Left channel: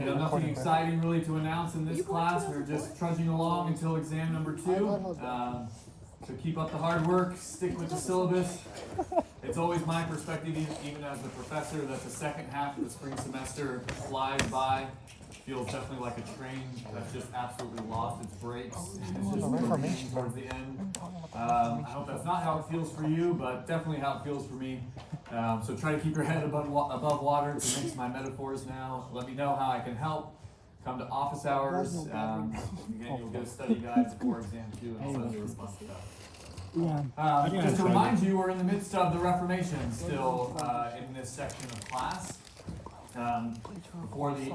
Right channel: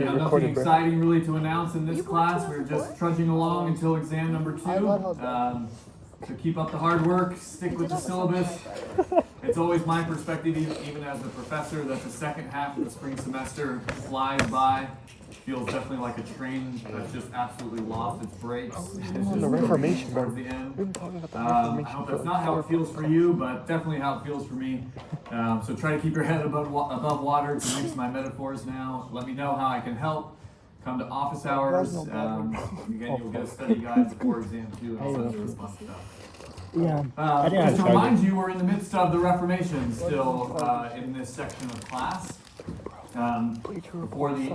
Nothing exciting really to announce in this class. We're just trudging along until exam number 2. So keep up the hard work, stick with the syllabus. It's always my perspective, even as the professor, that the second half of the spring semester flies by. Feels definitely like a train that's just absolutely lost its brakes. It's just Reformation towards the end. I hope that's not how it feels for you, but definitely how it feels for me. So try to keep your head above water, to mix my metaphors now. Let me know how I can help. Come to office hours. Again, you'll get a study guide before exam 2 and all that fun stuff. Yeah. Just to remind you, we're in the midst of the Reformation still in this section of class. Before the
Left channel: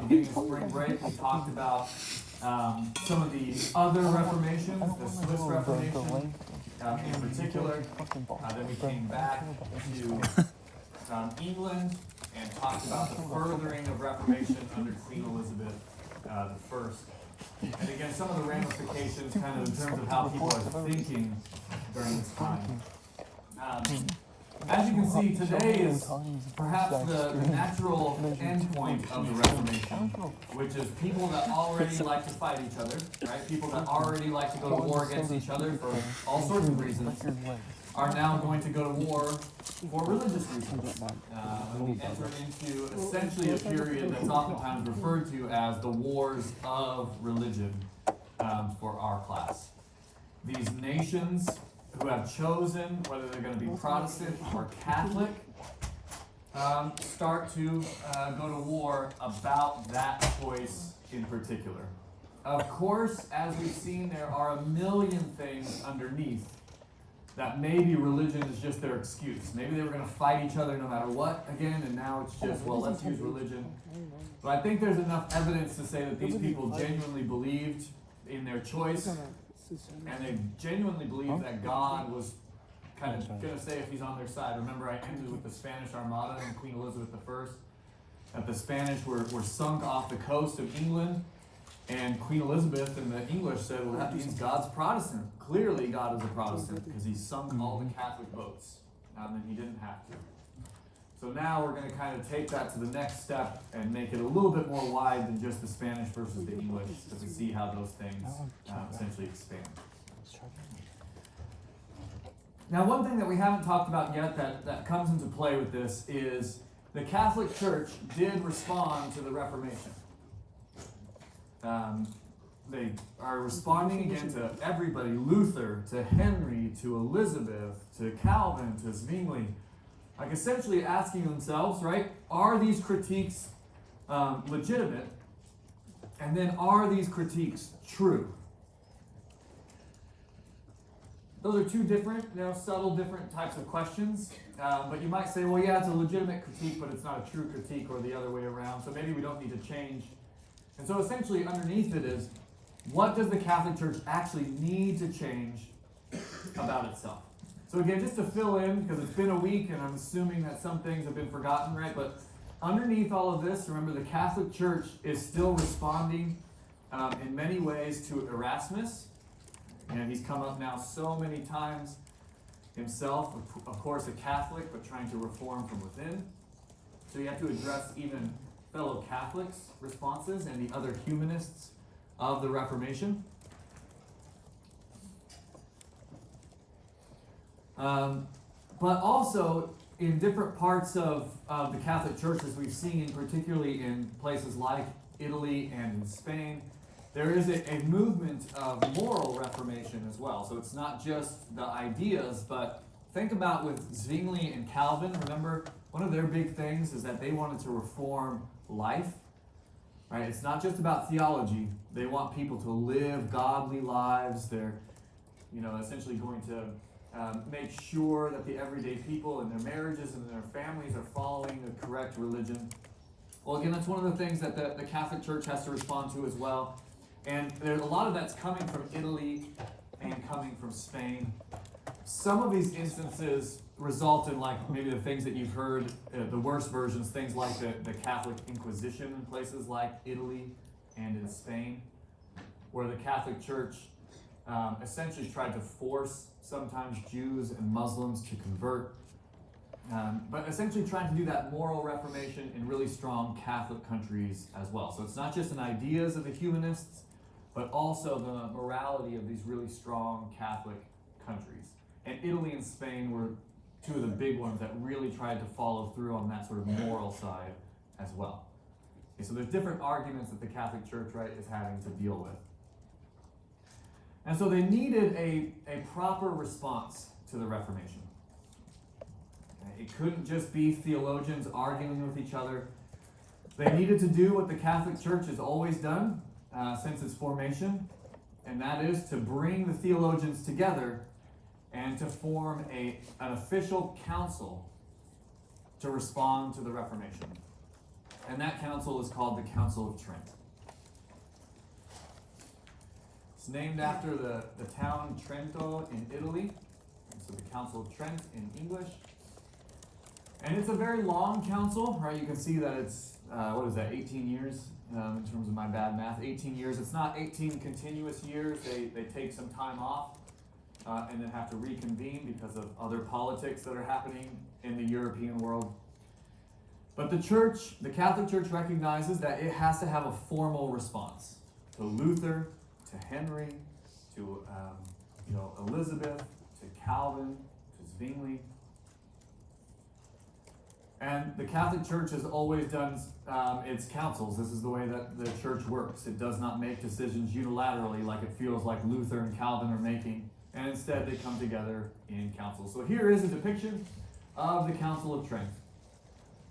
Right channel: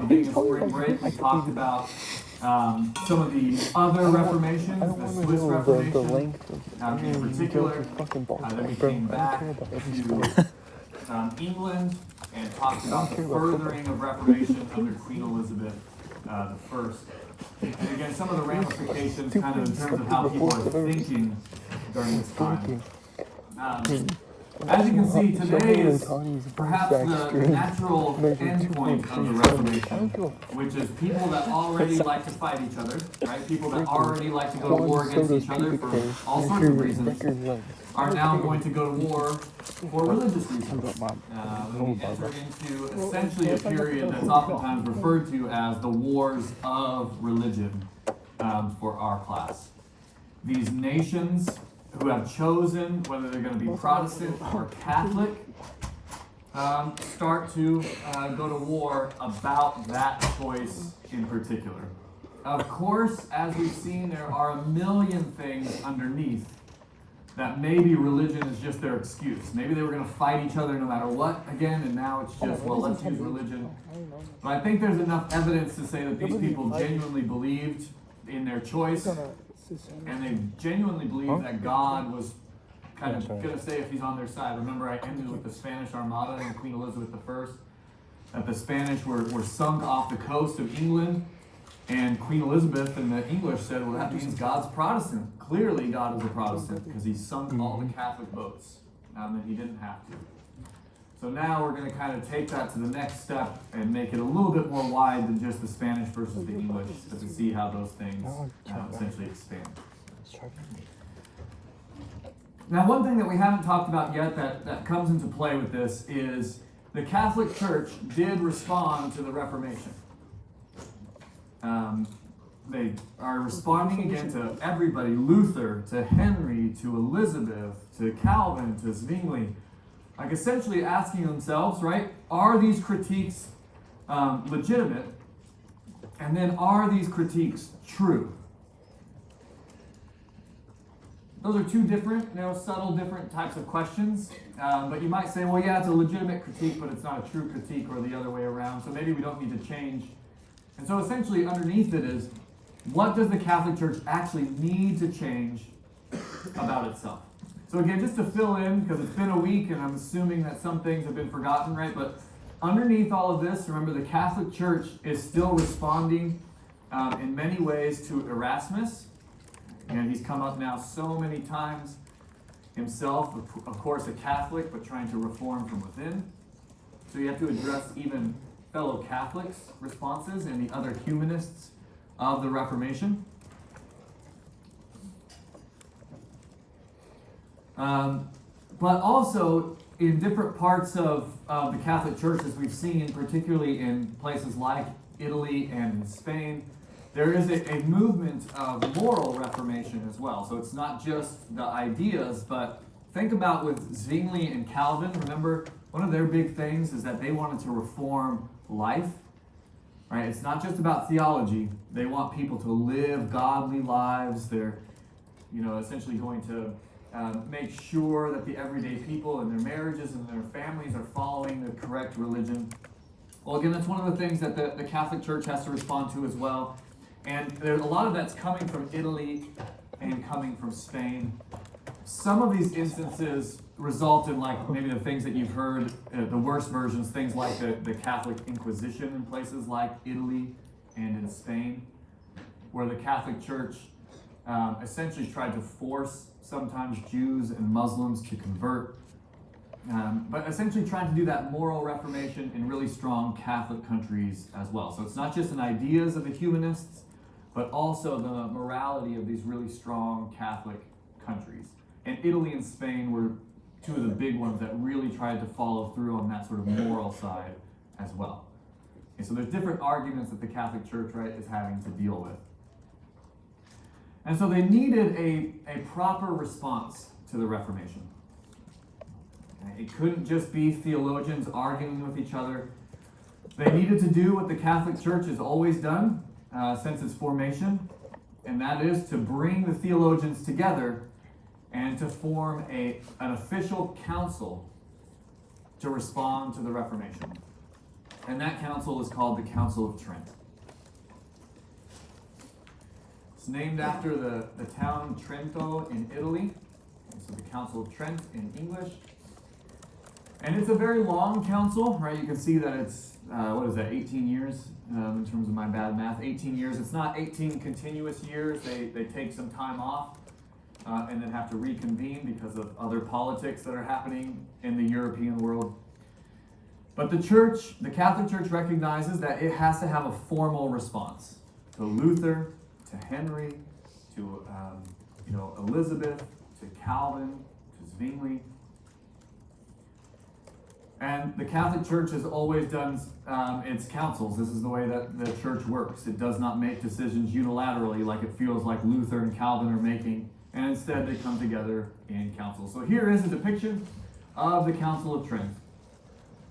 beginning of spring break, we talked about some of the other reformations, the Swiss Reformation in particular. Then we came back to England and talked about the furthering of Reformation under Queen Elizabeth I. And again, some of the ramifications kind of in terms of how people are thinking during this time. As you can see, today is perhaps the natural endpoint of the Reformation, which is people that already like to fight each other, right? People that already like to go to war against each other for all sorts of reasons, are now going to go to war for religious reasons. We enter into essentially a period that's oftentimes referred to as the wars of religion for our class. These nations who have chosen whether they're going to be Protestant or Catholic start to go to war about that choice in particular. Of course, as we've seen, there are a million things underneath that maybe religion is just their excuse. Maybe they were going to fight each other no matter what again, and now it's just, well, let's use religion. But I think there's enough evidence to say that these people genuinely believed in their choice, and they genuinely believed that God was kind of going to say if he's on their side. Remember, I ended with the Spanish Armada and Queen Elizabeth I, that the Spanish were sunk off the coast of England, and Queen Elizabeth and the English said, well, that means God's Protestant. Clearly God is a Protestant because he sunk all the Catholic boats, and he didn't have to. So now we're going to kind of take that to the next step and make it a little bit more wide than just the Spanish versus the English, to see how those things essentially expand. Now, one thing that we haven't talked about yet that comes into play with this is the Catholic Church did respond to the Reformation. They are responding again to everybody, Luther, to Henry, to Elizabeth, to Calvin, to Zwingli, like essentially asking themselves, right, are these critiques legitimate? And then are these critiques true? Those are two different, subtle different types of questions. But you might say, well, yeah, it's a legitimate critique, but it's not a true critique, or the other way around. So maybe we don't need to change. And so essentially underneath it is, what does the Catholic Church actually need to change about itself? So again, just to fill in, because it's been a week and I'm assuming that some things have been forgotten, right? But underneath all of this, remember the Catholic Church is still responding in many ways to Erasmus. And he's come up now so many times himself, of course a Catholic, but trying to reform from within. So you have to address even fellow Catholics' responses and the other humanists of the Reformation. But also in different parts of the Catholic Church, as we've seen, particularly in places like Italy and in Spain, there is a movement of moral reformation as well. So it's not just the ideas, but think about with Zwingli and Calvin. Remember, one of their big things is that they wanted to reform life. Right? It's not just about theology. They want people to live godly lives. They're, essentially going to make sure that the everyday people in their marriages and their families are following the correct religion. Well, again, that's one of the things that the Catholic Church has to respond to as well. And there's a lot of that's coming from Italy and coming from Spain. Some of these instances result in, like, maybe the things that you've heard, the worst versions, things like the Catholic Inquisition in places like Italy and in Spain, where the Catholic Church essentially tried to force sometimes Jews and Muslims to convert. but essentially trying to do that moral reformation in really strong Catholic countries as well. So it's not just in ideas of the humanists, but also the morality of these really strong Catholic countries. And Italy and Spain were two of the big ones that really tried to follow through on that sort of moral side as well. Okay, so there's different arguments that the Catholic Church, right, is having to deal with. And so they needed a proper response to the Reformation. Okay, it couldn't just be theologians arguing with each other. They needed to do what the Catholic Church has always done since its formation, and that is to bring the theologians together and to form an official council to respond to the Reformation. And that council is called the Council of Trent. It's named after the town Trento in Italy, so the Council of Trent in English. And it's a very long council, right? You can see that it's, 18 years in terms of my bad math, 18 years. It's not 18 continuous years. They take some time off and then have to reconvene because of other politics that are happening in the European world. But the church, the Catholic Church, recognizes that it has to have a formal response to Luther, to Henry, to Elizabeth, to Calvin, to Zwingli. And the Catholic Church has always done its councils. This is the way that the church works. It does not make decisions unilaterally like it feels like Luther and Calvin are making, and instead they come together in council. So here is a depiction of the Council of Trent.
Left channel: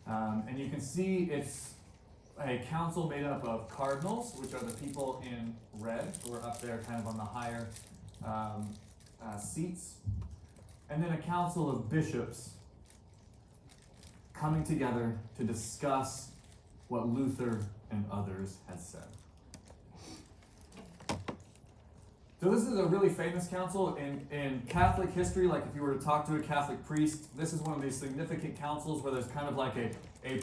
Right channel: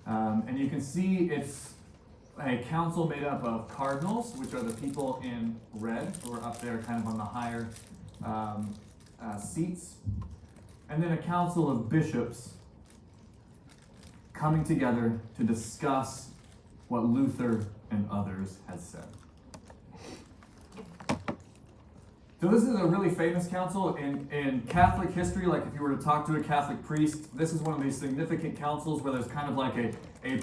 And you can see it's a council made up of cardinals, which are the people in red, who are up there kind of on the higher seats. And then a council of bishops coming together to discuss what Luther and others had said. So this is a really famous council in Catholic history. Like if you were to talk to a Catholic priest, this is one of these significant councils where there's kind of like a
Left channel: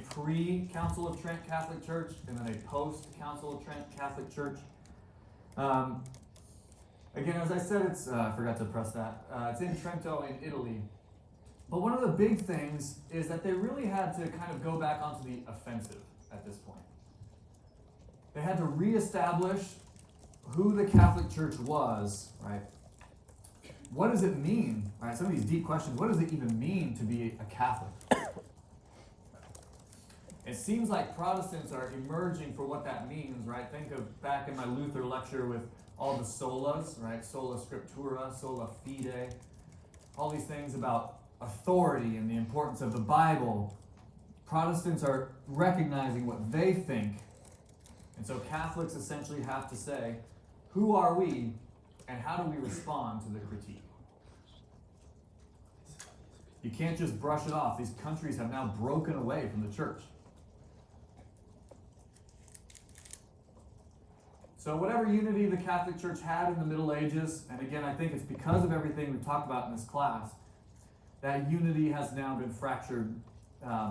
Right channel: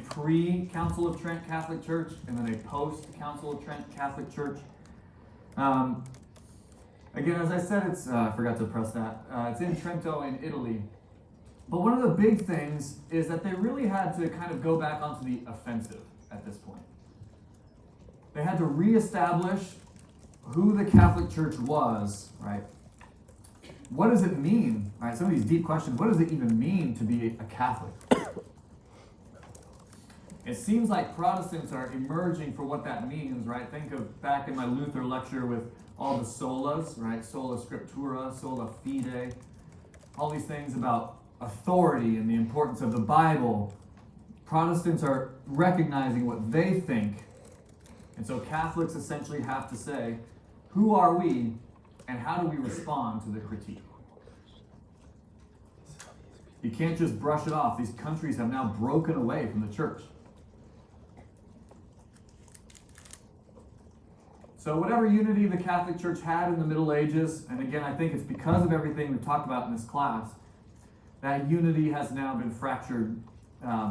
pre-Council of Trent Catholic Church and then a post-Council of Trent Catholic Church. Again, as I said, it's I forgot to press that. It's in Trento in Italy. But one of the big things is that they really had to kind of go back onto the offensive at this point. They had to reestablish who the Catholic Church was, right? What does it mean, right? Some of these deep questions. What does it even mean to be a Catholic? It seems like Protestants are emerging for what that means, right? Think of back in my Luther lecture with all the solas, right? Sola scriptura, sola fide, all these things about authority and the importance of the Bible. Protestants are recognizing what they think. And so Catholics essentially have to say, who are we and how do we respond to the critique? You can't just brush it off. These countries have now broken away from the church. So whatever unity the Catholic Church had in the Middle Ages, and again, I think it's because of everything we've talked about in this class, that unity has now been fractured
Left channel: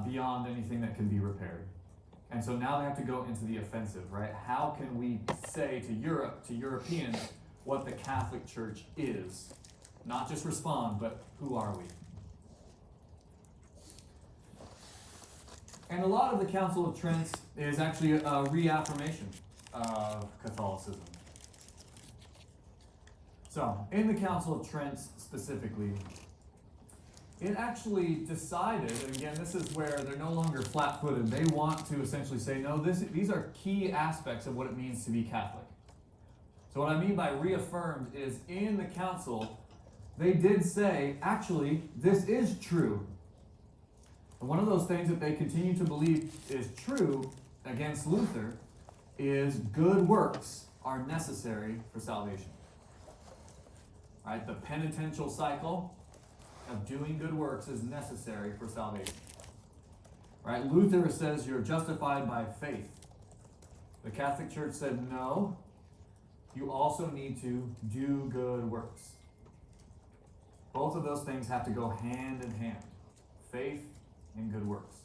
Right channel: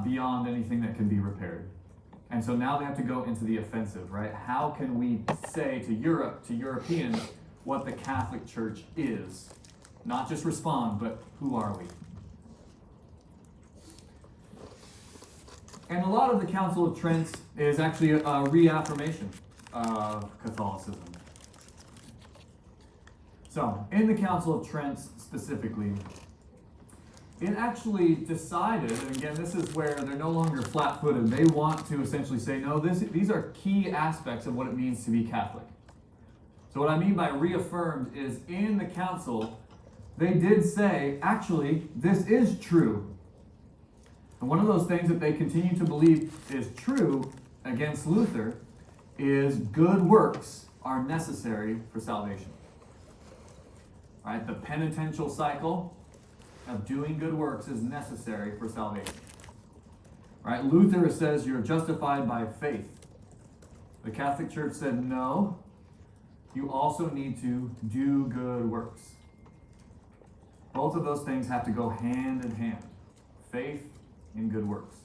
beyond anything that can be repaired. And so now they have to go into the offensive, right? How can we say to Europe, to Europeans, what the Catholic Church is? Not just respond, but who are we? And a lot of the Council of Trent is actually a reaffirmation of Catholicism. So, in the Council of Trent specifically, it actually decided, and again, this is where they're no longer flat-footed. They want to essentially say, no, these are key aspects of what it means to be Catholic. So what I mean by reaffirmed is in the council, they did say, actually, this is true. And one of those things that they continue to believe is true against Luther is good works are necessary for salvation. Right? The penitential cycle of doing good works is necessary for salvation. Right? Luther says you're justified by faith. The Catholic Church said no, you also need to do good works. Both of those things have to go hand in hand. Faith and good works.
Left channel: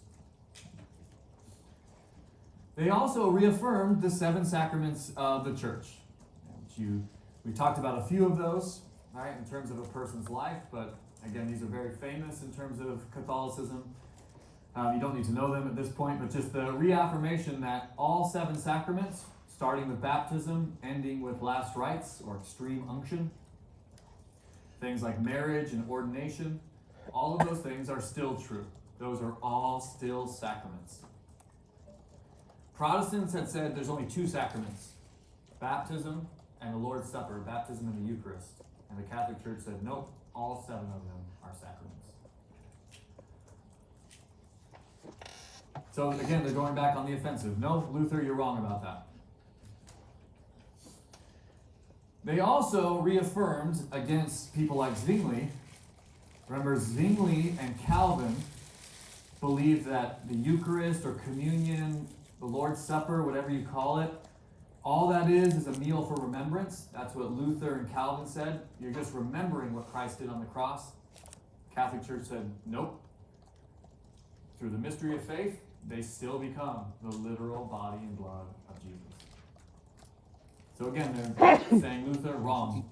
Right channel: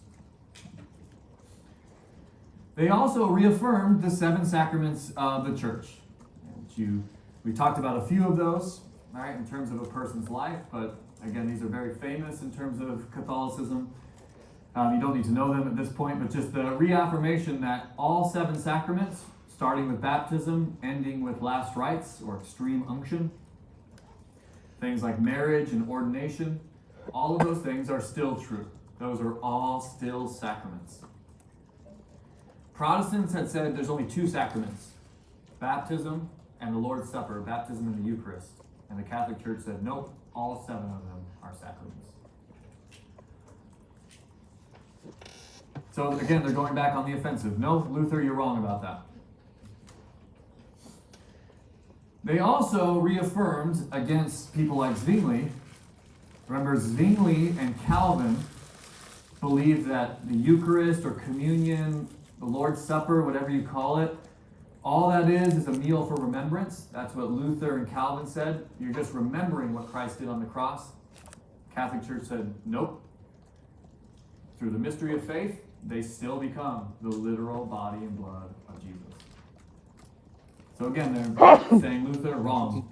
They also reaffirmed the 7 sacraments of the church. We talked about a few of those, right, in terms of a person's life, but Again, these are very famous in terms of Catholicism. You don't need to know them at this point, but just the reaffirmation that all 7 sacraments, starting with baptism, ending with last rites or extreme unction, things like marriage and ordination, all of those things are still true. Those are all still sacraments. Protestants had said there's only 2 sacraments, baptism and the Lord's Supper, baptism and the Eucharist. And the Catholic Church said, nope, all 7 of them are sacraments. So again, they're going back on the offensive. No, Luther, you're wrong about that. They also reaffirmed against people like Zwingli. Remember, Zwingli and Calvin believed that the Eucharist or communion, the Lord's Supper, whatever you call it, all that is a meal for remembrance. That's what Luther and Calvin said. You're just remembering what Christ did on the cross. Catholic Church said, nope. Through the mystery of faith, they still become the literal body and blood of Jesus. So again, they're saying Luther, wrong.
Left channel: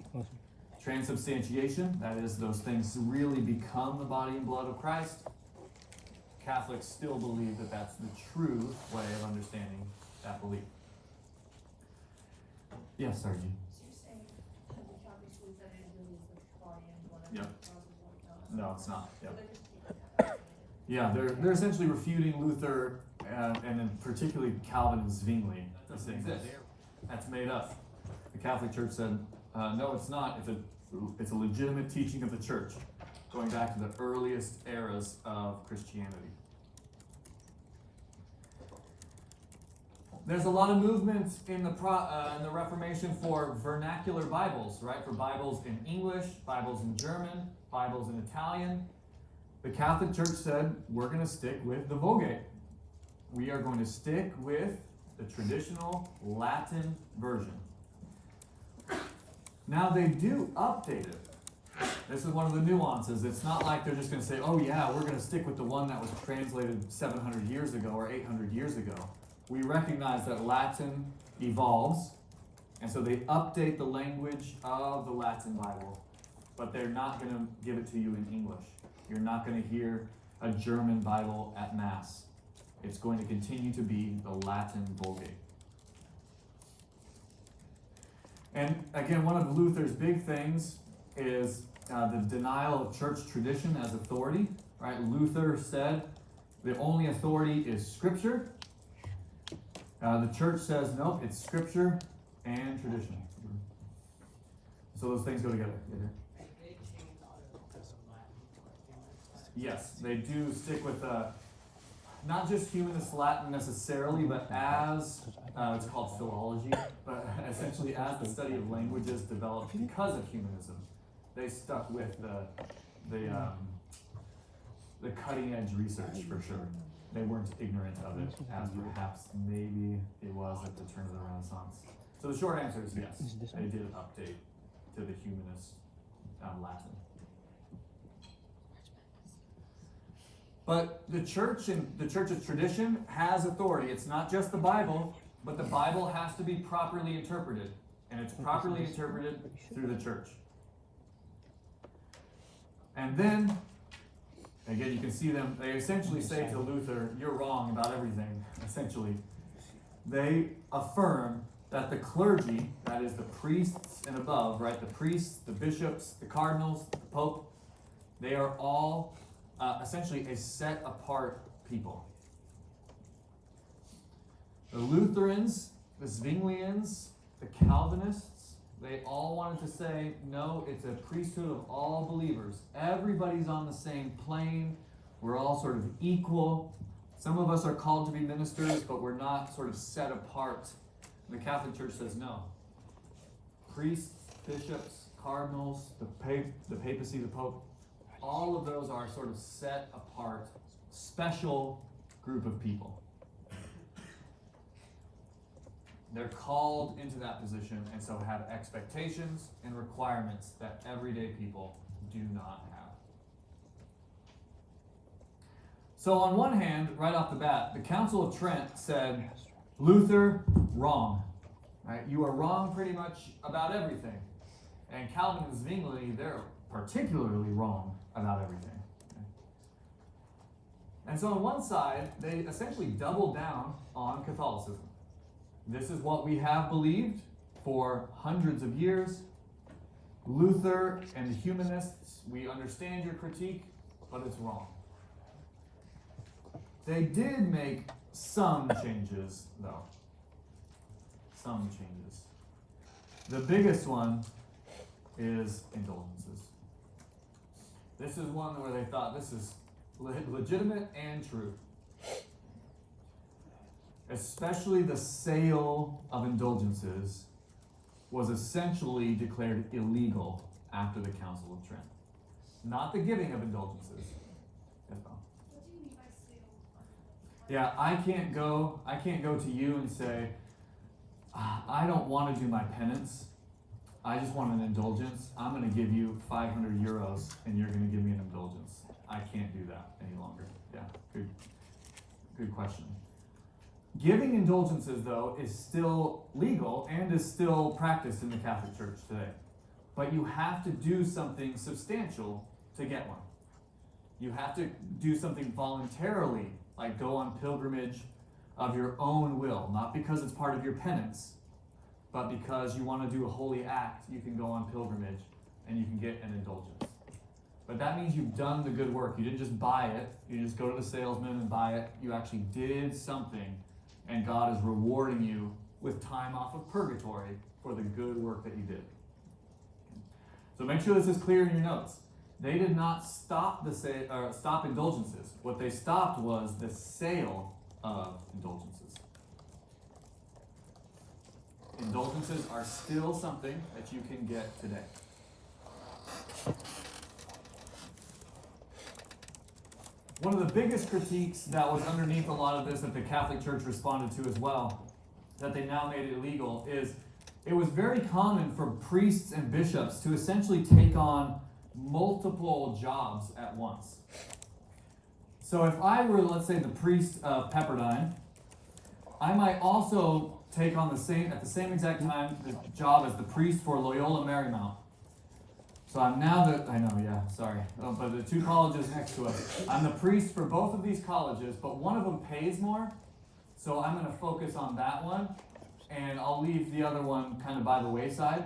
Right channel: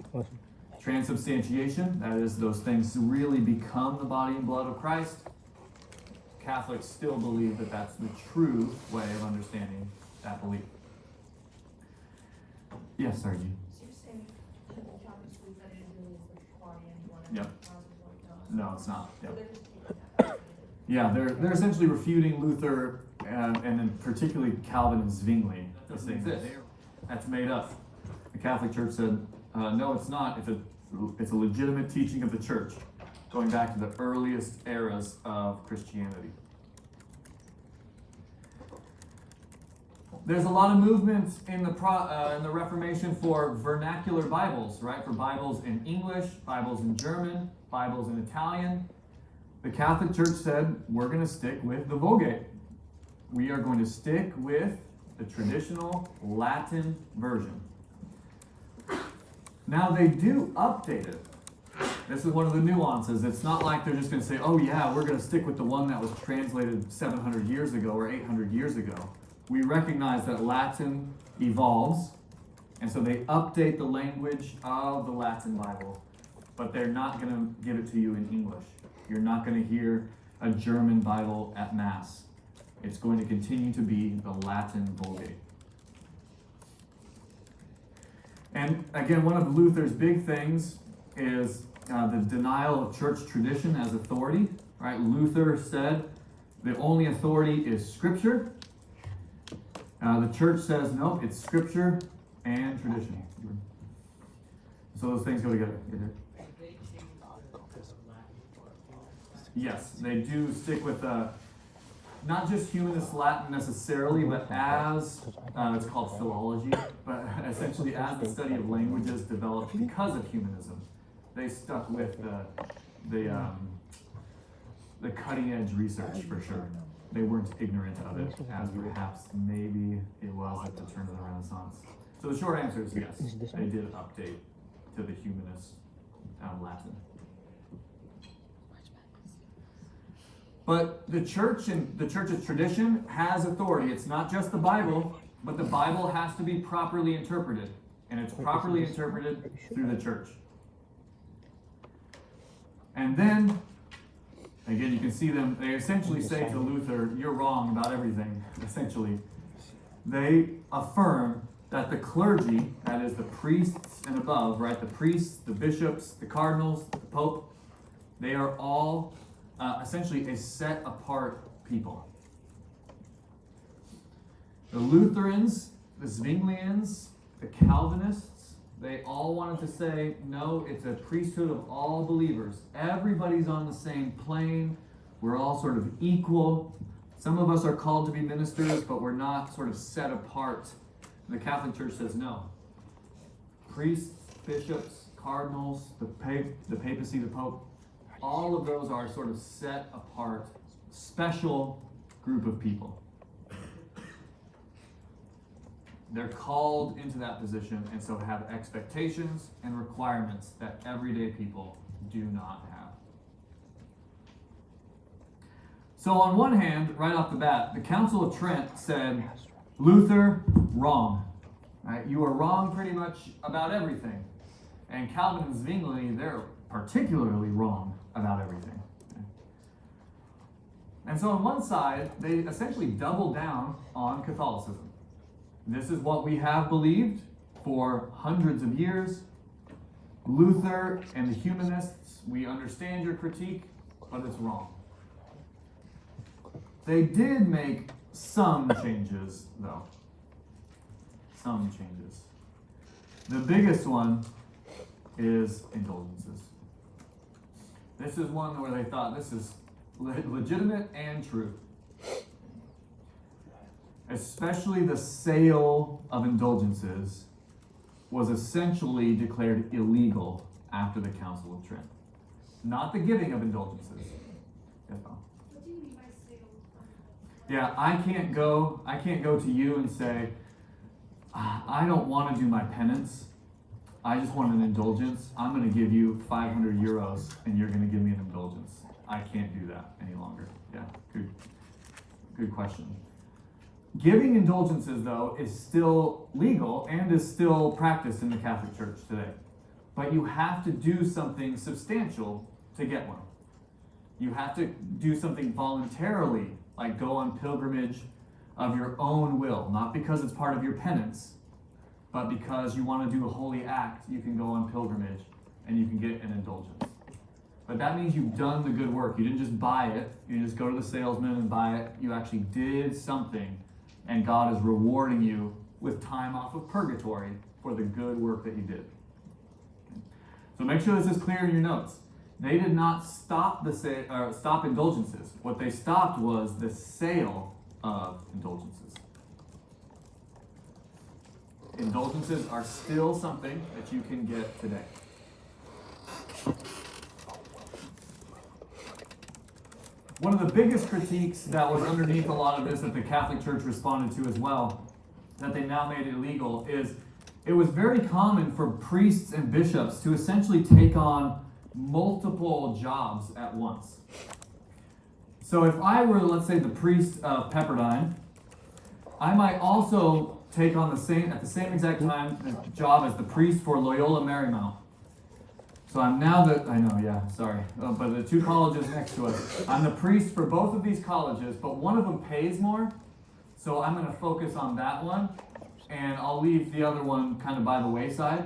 Transubstantiation, that is, those things really become the body and blood of Christ. Catholics still believe that that's the true way of understanding that belief. Yes, Sergi. So you're saying that the Catholics believe that it really is the body and blood Yep. that causes what it does? No, it's not. Yep. So they're just taking that out of it. Yeah, they're essentially refuting Luther and then particularly Calvin and Zwingli. That doesn't exist. That's made up. The Catholic Church said, no, it's not. It's a legitimate teaching of the Church, going back to the earliest eras of Christianity. There's a lot of movement in the Reformation for vernacular Bibles, right? For Bibles in English, Bibles in German, Bibles in Italian. The Catholic Church said, we're going to stick with the Vulgate. We are going to stick with the traditional Latin version. Now they do update it. This is one of the nuances. It's not like they're just going to say, oh yeah, we're going to stick with the one that was translated 700 years ago or 800 years ago. We recognize that Latin evolves, and so they update the language of the Latin Bible, but they're not going to give it to you in English. You're not going to hear a German Bible at Mass. It's going to continue to be the Latin Vulgate. And again, one of Luther's big things is the denial of church tradition as authority. Right? Luther said the only authority is Scripture. The church says, nope, it's Scripture and tradition. So those things go together. Yes, they do stick with not just humanist Latin necessarily, but as it's called philology, but essentially as the study of languages developed because of humanism, they stuck with the cutting edge research for sure. They weren't ignorant of it, as perhaps maybe it was at the turn of the Renaissance. So the short answer is yes, they did update to the humanist Latin. But the church and the church's tradition has authority. It's not just the Bible, but the Bible has to be properly interpreted, and it's properly interpreted through the church. And then, again, you can see them, they essentially say to Luther, you're wrong about everything, essentially. They affirm that the clergy, that is the priests and above, right, the priests, the bishops, the cardinals, the pope, they are all essentially a set apart people. The Lutherans, the Zwinglians, the Calvinists, they all wanted to say, no, it's a priesthood of all believers. Everybody's on the same plane. We're all sort of equal. Some of us are called to be ministers, but we're not sort of set apart. The Catholic Church says no. Priests, bishops, cardinals, the papacy, the pope, all of those are sort of set apart, special group of people. They're called into that position and so have expectations and requirements that everyday people do not have. So on one hand, right off the bat, the Council of Trent said, Luther, wrong. Right? You are wrong pretty much about everything. And Calvin and Zwingli, they're particularly wrong about everything. And so on one side, they essentially doubled down on Catholicism. This is what we have believed for hundreds of years. Luther and the humanists, we understand your critique, but it's wrong. They did make some changes, though. Some changes. The biggest one is indulgences. This is one where they thought this is legitimate and true. Especially the sale of indulgences was essentially declared illegal after the Council of Trent. Not the giving of indulgences. Yes, Bob? What do you mean by sale? Yeah, I can't go to you and say, I don't want to do my penance. I just want an indulgence. I'm going to give you 500 euros and you're going to give me an indulgence. I can't do that any longer. Yeah, good question. Giving indulgences, though, is still legal and is still practiced in the Catholic Church today. But you have to do something substantial to get one. You have to do something voluntarily, like go on pilgrimage of your own will, not because it's part of your penance, but because you want to do a holy act. You can go on pilgrimage and you can get an indulgence. But that means you've done the good work. You didn't just buy it. You just go to the salesman and buy it. You actually did something, and God is rewarding you with time off of purgatory for the good work that you did. So make sure this is clear in your notes. They did not stop stop indulgences. What they stopped was the sale of indulgences. Indulgences are still something that you can get today. One of the biggest critiques that was underneath a lot of this that the Catholic Church responded to as well, that they now made illegal, is it was very common for priests and bishops to essentially take on multiple jobs at once. So if I were, let's say, the priest of Pepperdine, I might also take on at the same exact time the job as the priest for Loyola Marymount. So I'm now but the two colleges next to us. I'm the priest for both of these colleges, but one of them pays more, so I'm going to focus on that one, and I'll leave the other one kind of by the wayside,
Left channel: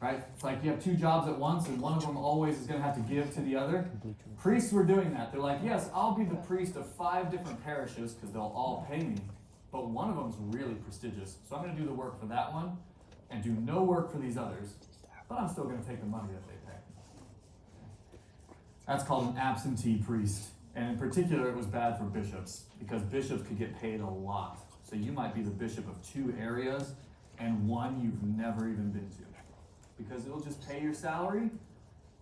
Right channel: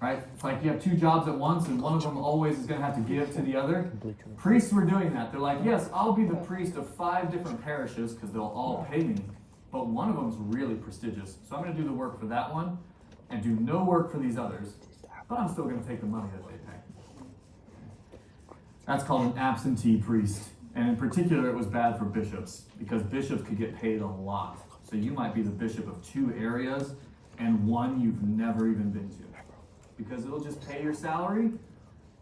right? It's like you have two jobs at once, and one of them always is going to have to give to the other. Priests were doing that. They're like, yes, I'll be the priest of 5 different parishes because they'll all pay me, but one of them's really prestigious, so I'm going to do the work for that one and do no work for these others, but I'm still going to take the money that they pay. That's called an absentee priest. And in particular, it was bad for bishops because bishops could get paid a lot. So you might be the bishop of 2 areas and one you've never even been to. Because it'll just pay your salary,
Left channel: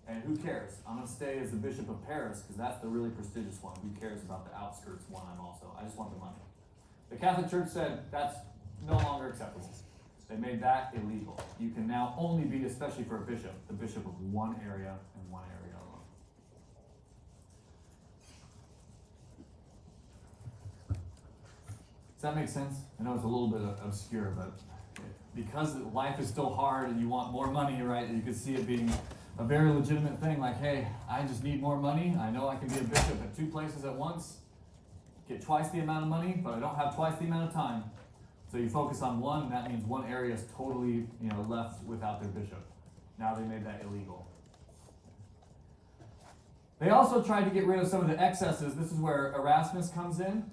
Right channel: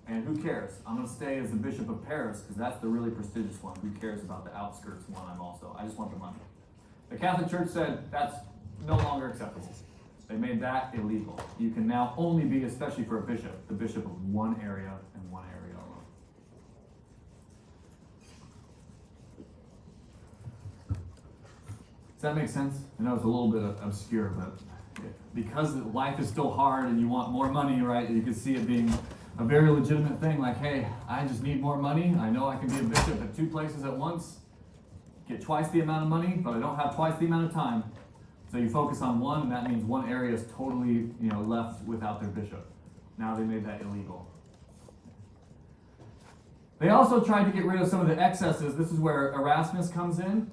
and who cares? I'm going to stay as the bishop of Paris because that's the really prestigious one. Who cares about the outskirts one I just want the money. The Catholic Church said that's no longer acceptable. They made that illegal. You can now only be, especially for a bishop, the bishop of one area and one area alone. Does that make sense? I know it's a little bit obscure, but because life is still hard and you want more money, right? You can see it being a very legitimate thing, like, hey, I just need more money. I know I can be a bishop at 2 places at once, get twice the amount of money, but I don't have twice the amount of time. So you focus on one, and that means one area is totally, left without their bishop. Now they made that illegal. They also tried to get rid of some of the excesses. This is where Erasmus comes in.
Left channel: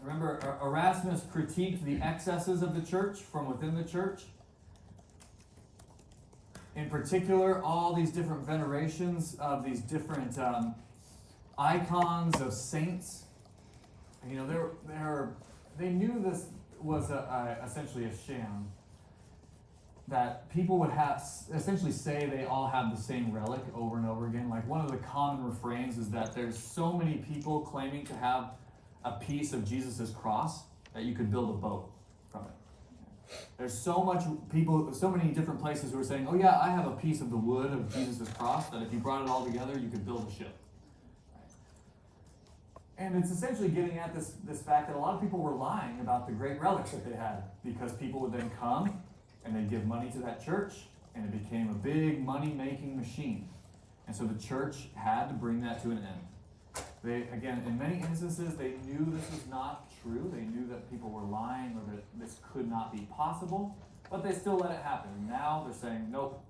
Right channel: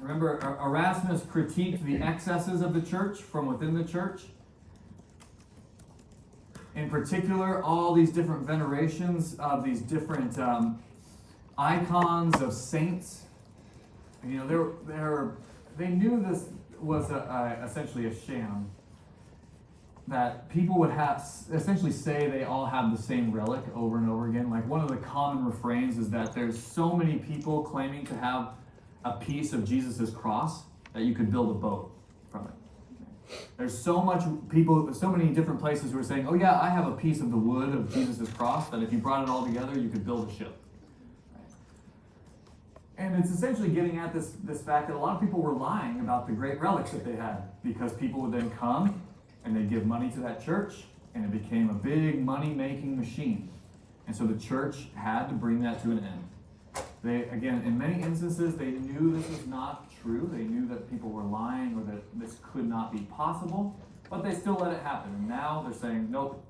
Remember, Erasmus critiqued the excesses of the church from within the church. In particular, all these different venerations of these different icons of saints. They knew this was essentially a sham. That people would have essentially say they all have the same relic over and over again. Like one of the common refrains is that there's so many people claiming to have a piece of Jesus's cross that you could build a boat from it. There's so many different places who are saying, oh yeah, I have a piece of the wood of Jesus's cross that if you brought it all together, you could build a ship. And it's essentially getting at this fact that a lot of people were lying about the great relics that they had because people would then come and they'd give money to that church and it became a big money-making machine. And so the church had to bring that to an end. They, again, in many instances, they knew this was not true. They knew that people were lying or that this could not be possible, but they still let it happen. And now they're saying, nope,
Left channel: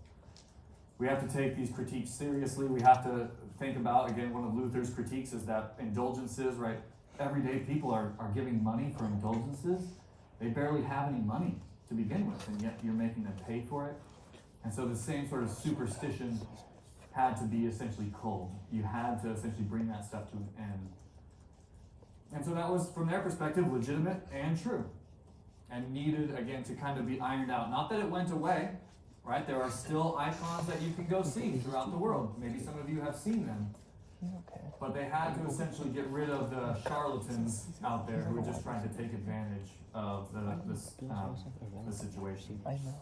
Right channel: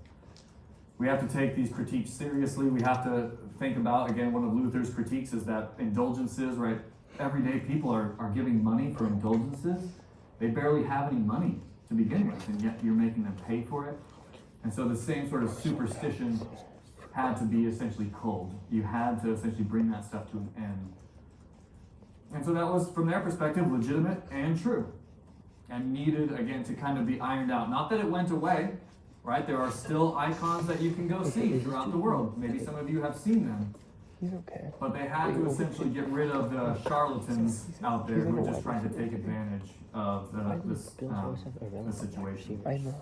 we have to take these critiques seriously. We have to think about, again, one of Luther's critiques is that indulgences, right? Everyday people are giving money for indulgences. They barely have any money to begin with, and yet you're making them pay for it. And so the same sort of superstition had to be essentially culled. You had to essentially bring that stuff to an end. And so that was, from their perspective, legitimate and true, and needed, again, to kind of be ironed out. Not that it went away, right? There are still icons that you can go see throughout the world. Maybe some of you have seen them. He's okay. But they had to essentially get rid of the charlatans out there who were just trying to take advantage of the situation. I know.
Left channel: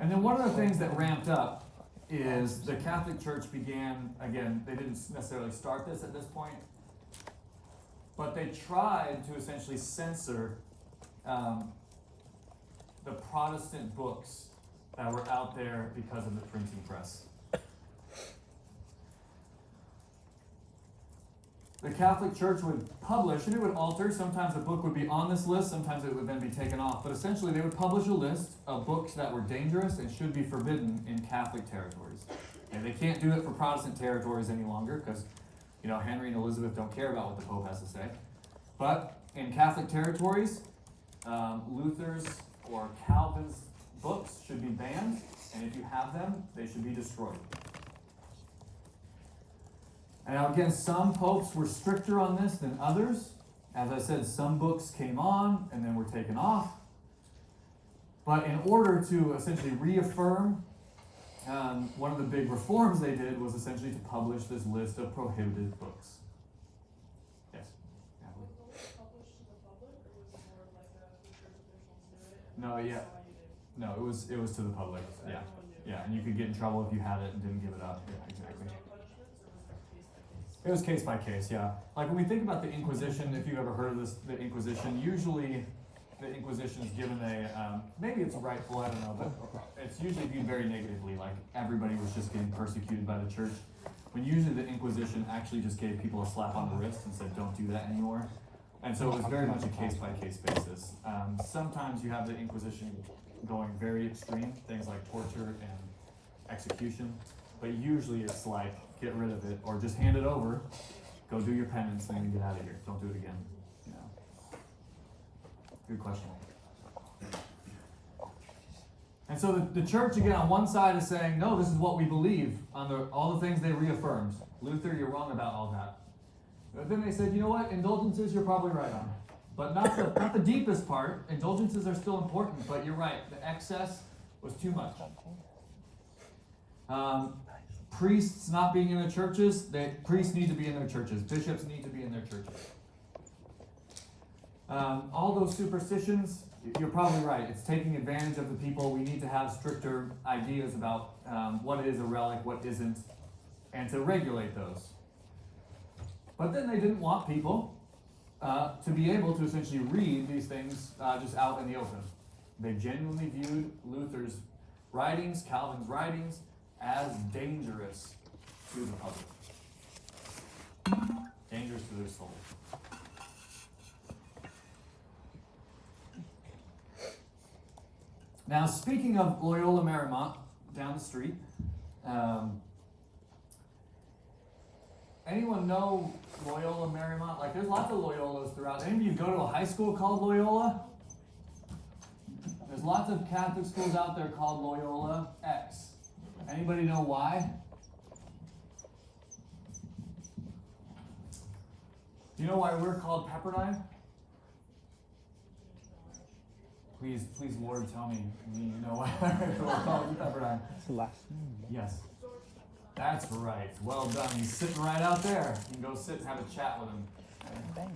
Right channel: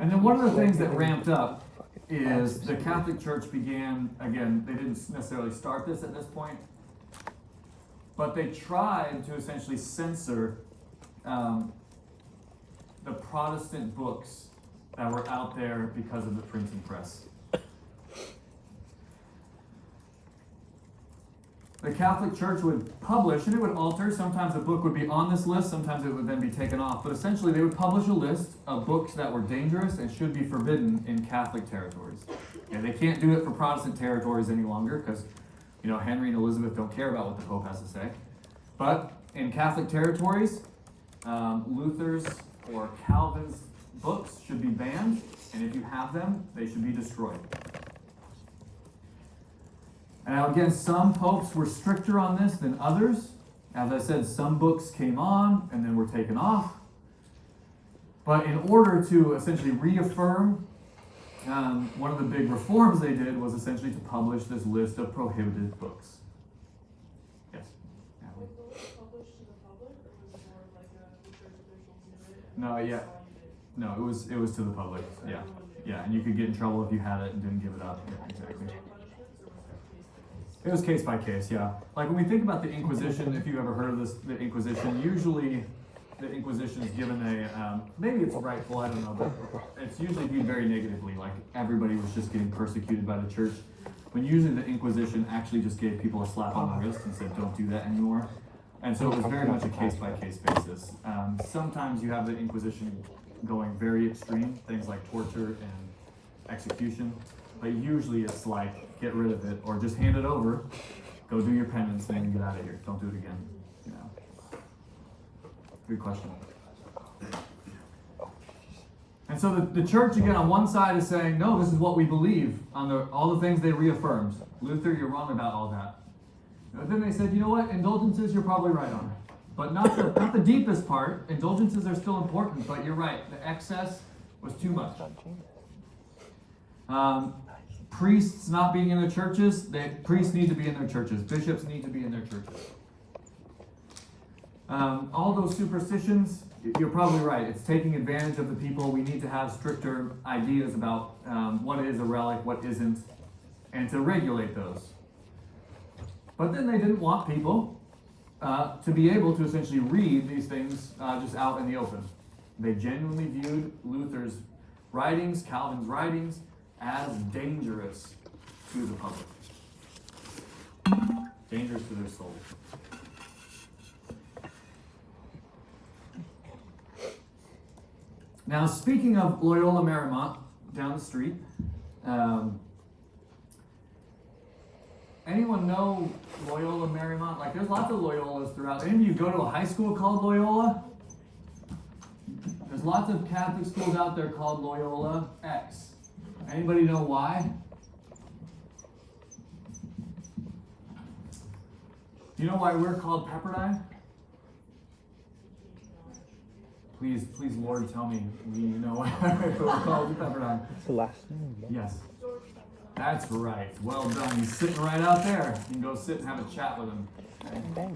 And then one of the things that ramped up is the Catholic Church began, again, they didn't necessarily start this at this point, but they tried to essentially censor the Protestant books that were out there because of the printing press. The Catholic Church would publish, and it would alter. Sometimes the book would be on this list, sometimes it would then be taken off. But essentially, they would publish a list of books that were dangerous and should be forbidden in Catholic territories. And they can't do it for Protestant territories any longer because, Henry and Elizabeth don't care about what the Pope has to say. But in Catholic territories, Luther's or Calvin's books should be banned, and if you have them, they should be destroyed. And now again, some popes were stricter on this than others. As I said, some books came on and then were taken off. But in order to essentially reaffirm, one of the big reforms they did was essentially to publish this list of prohibited books. Yes? Was the list published to the public, or was it more like the church officials knew it? No, yeah. That's all you did? No, it was to the public. Yeah. Yeah, and you could get in trouble if you had it and didn't give it up. Yeah, exactly. It was case by case, yeah. Like when we think about the Inquisition, if you've ever heard of this, the Inquisition, usually the Inquisition is given a, maybe it's rightful, I don't know, but it's usually viewed very negatively, like everybody was just getting persecuted by the church. When usually the Inquisition actually just gave people a slap on the wrist and said, don't do that anymore. And so it was very much a case by case basis. Sometimes you have the Inquisition going very extreme, things like torture and execution, but usually it's like, get rid of it, or just hand it over, go do your penance, and then get out of here. Don't do it again. Yeah. Good question. And so the church, again, on one side is saying, no, this is what we believe, on all the things they reaffirmed. Luther, you're wrong about all that. But then they said, you know what, indulgences, you're probably right on. But not the deepest part. Indulgences are still important, but you're right. The excess was too much. Priests not being in the churches, priests need to be in their churches. Bishops need to be in their churches. All those superstitions, you're probably right. It's taking advantage of the people. We need to have stricter ideas about what is a relic, what isn't, and to regulate those. But then they didn't want people to be able to essentially read these things just out in the open. They genuinely viewed Luther's writings, Calvin's writings, as dangerous to the public. Dangerous to their soul. Now, speaking of Loyola Marymount, down the street, anyone know Loyola Marymount? Like, there's lots of Loyolas throughout. Any of you go to a high school called Loyola? There's lots of Catholic schools out there called Loyola X. Anybody know why? Do you know why we're called Pepperdine? Please, Lord, tell me you know why we're called Pepperdine. It's the last name. Yes. That's right. Well done. He's sitting right out there. You can go sit and have a chat with him. Okay.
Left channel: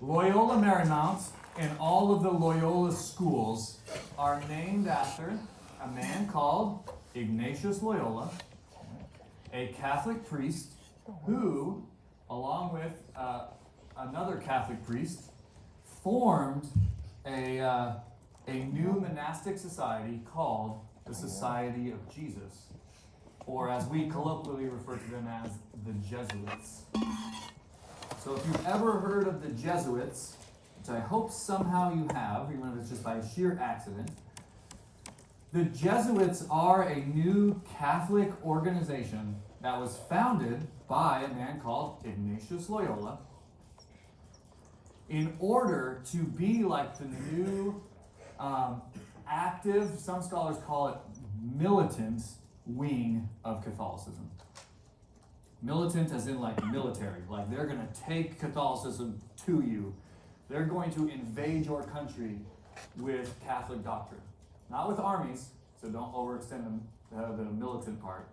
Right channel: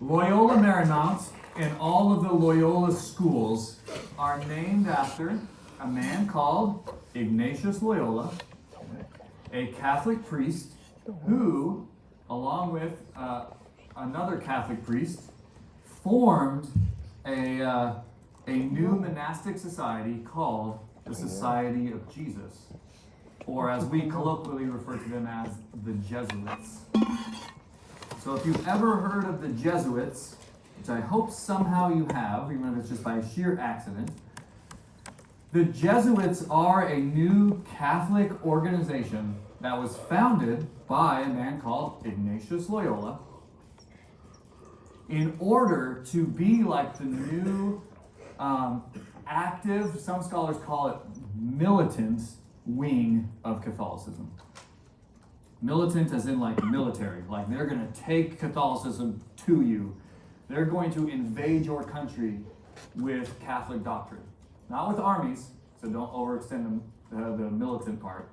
Loyola Marymount and all of the Loyola schools are named after a man called Ignatius Loyola, a Catholic priest who, along with another Catholic priest, formed a new monastic society called the Society of Jesus, or as we colloquially refer to them as the Jesuits. So if you've ever heard of the Jesuits, which I hope somehow you have, even if it's just by sheer accident, the Jesuits are a new Catholic organization that was founded by a man called Ignatius Loyola in order to be like the new active, some scholars call it militant wing of Catholicism. Militant as in like military, like they're going to take Catholicism to you. They're going to invade your country with Catholic doctrine. Not with armies, so don't overextend the militant part.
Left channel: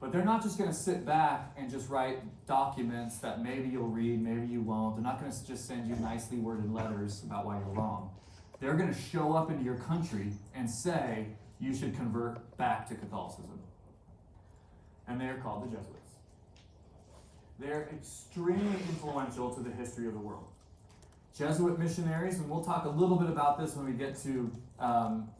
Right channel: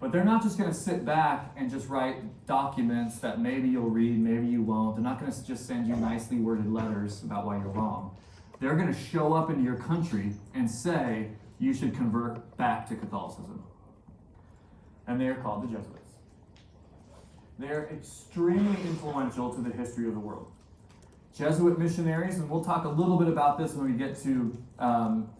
But they're not just going to sit back and just write documents that maybe you'll read, maybe you won't. They're not going to just send you nicely worded letters about why you're wrong. They're going to show up into your country and say you should convert back to Catholicism. And they're called the Jesuits. They're extremely influential to the history of the world. Jesuit missionaries, and we'll talk a little bit about this when we get to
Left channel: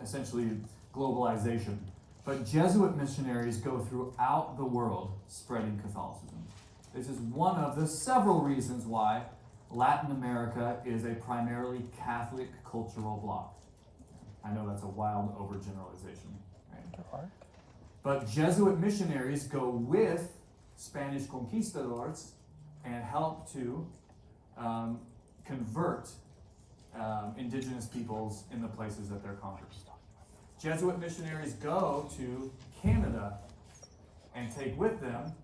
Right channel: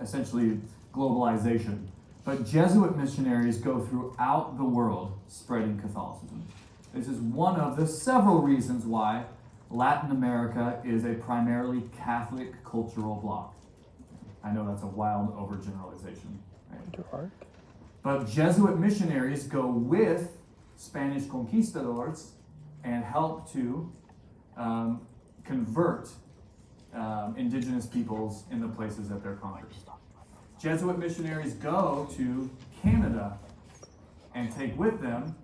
essentially globalization, but Jesuit missionaries go throughout the world spreading Catholicism. This is one of the several reasons why Latin America is a primarily Catholic cultural bloc. I know that's a wild overgeneralization, right? But Jesuit missionaries go with Spanish conquistadors and help to convert indigenous peoples in the places that they're conquered. Jesuit missionaries go to Canada and take with them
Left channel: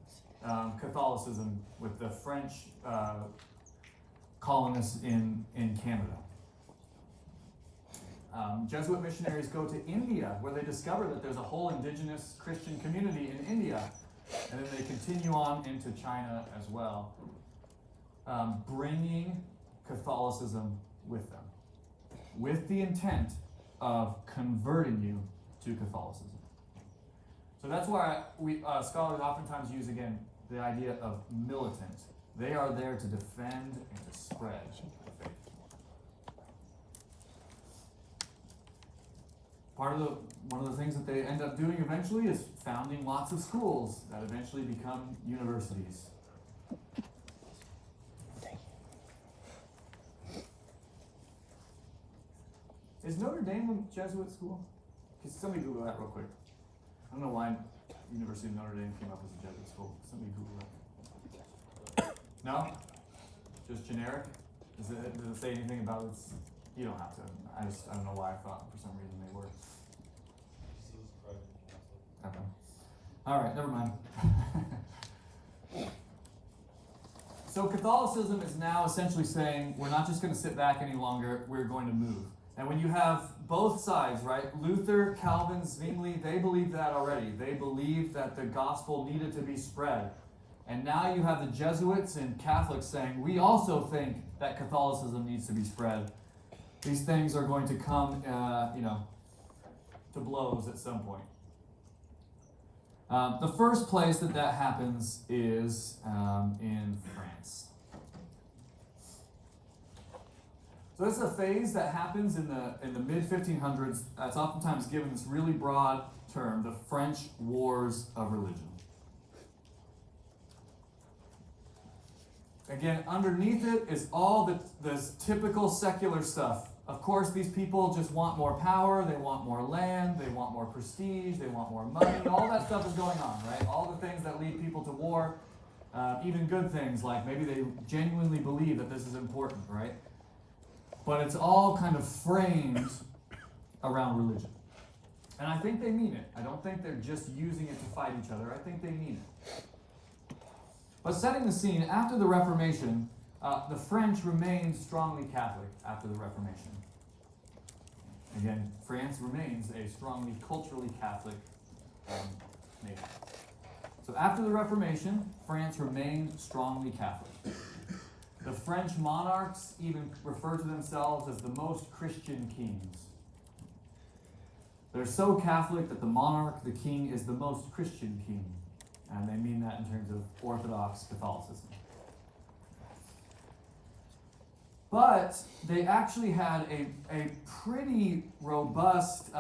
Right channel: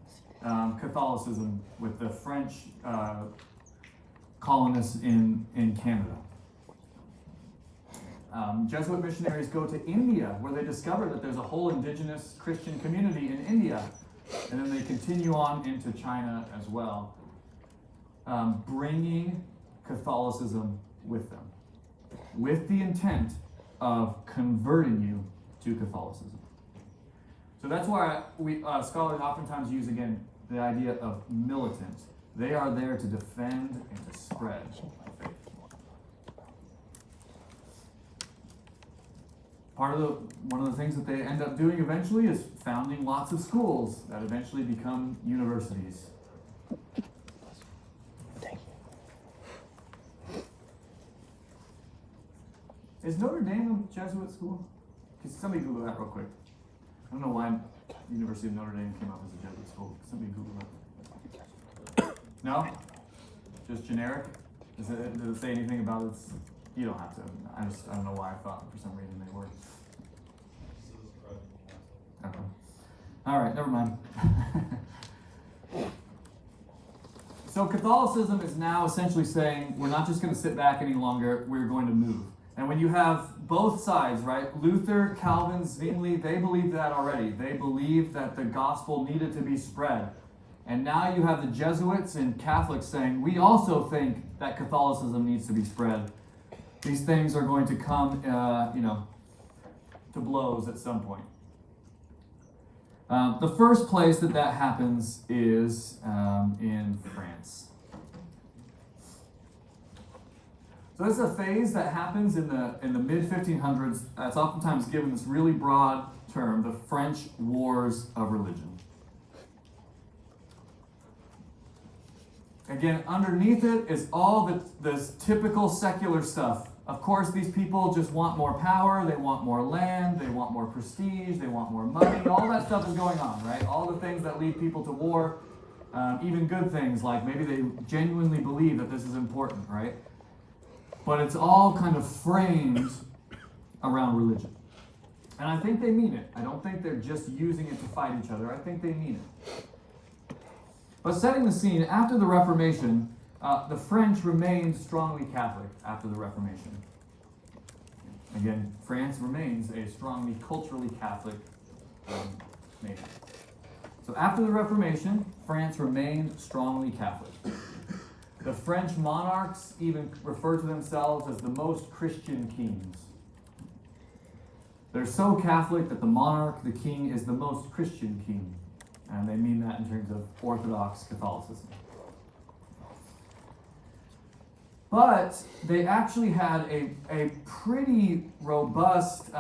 Catholicism with the French colonists in Canada. Jesuit missionaries go to India, where they discover that there's a whole indigenous Christian community in India. And then they continue on into China as well, bringing Catholicism with them, with the intent of converting you to Catholicism. So that's why scholars oftentimes use, again, the idea of militant. They are there to defend and to spread faith. One of the things that they end up doing eventually is founding lots of schools that eventually become universities. Is Notre Dame a Jesuit school? Can somebody Google that real quick? I don't know why University of Notre Dame came up as a Jesuit school. Somebody Google it. No? Just generic? Does it say anything about it? You don't have to. I don't know why I thought for some reason they were. Okay. All right, never mind. So Catholicism is now essentially saying we're not just going to sit back any longer, we're going to move. And when you have both sides, right? Luther, Calvin, Zwingli, they believed that already. They believed that the gospel needed to be spread. And now you have the Jesuits and Catholics saying, we also think that Catholicism needs to be spread. These things are going to come, to blows at some point. The first place that happens is in France. So this is a phase that happens in the mid-1500s. It's oftentimes given this really broad term, the French Wars of Religion. Again, underneath it is all this typical secular stuff. Of course, these people just want more power, they want more land, they want more prestige, they want more money. All that stuff is going on, right? All the things that lead people to war, even good things, like maybe they genuinely believe that this is important, right? But it's all kind of framed around religion. And I think they mean it. I don't think they're just using it to fight each other. I think they mean it. But setting the scene, after the Reformation, the French remained strongly Catholic after the Reformation. Again, France remains a strongly culturally Catholic nation. So after the Reformation, France remained strongly Catholic. The French monarchs even refer to themselves as the most Christian kings. They're so Catholic that the monarch, the king, is the most Christian king. And they mean that in terms of Orthodox Catholicism. But they actually had a pretty robust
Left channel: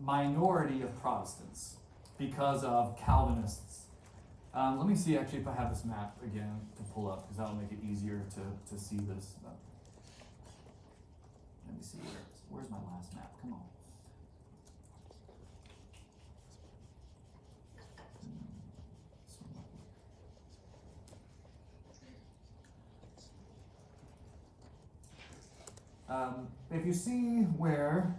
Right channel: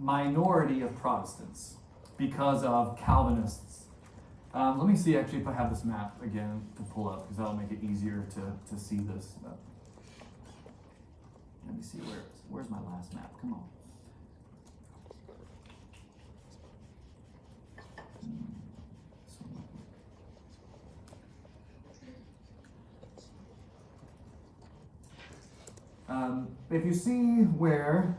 minority of Protestants. because of Calvinists. Let me see actually if I have this map again to pull up, because that'll make it easier to see this. Let me see where's my last map? Come on. If you see where,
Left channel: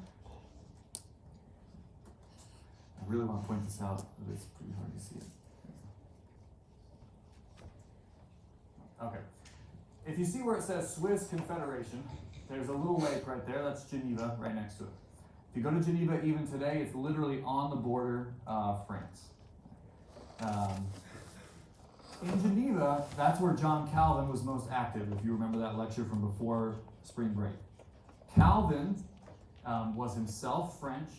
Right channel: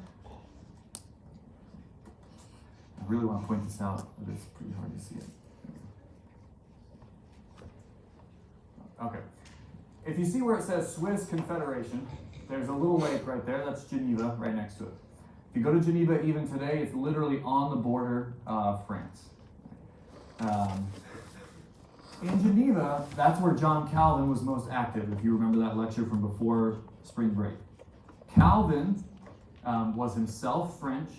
I really want to point this out, but it's pretty hard to see it. Okay. If you see where it says Swiss Confederation, there's a little lake right there. That's Geneva right next to it. If you go to Geneva even today, it's literally on the border of France. In Geneva, that's where John Calvin was most active, if you remember that lecture from before spring break. Calvin was himself French,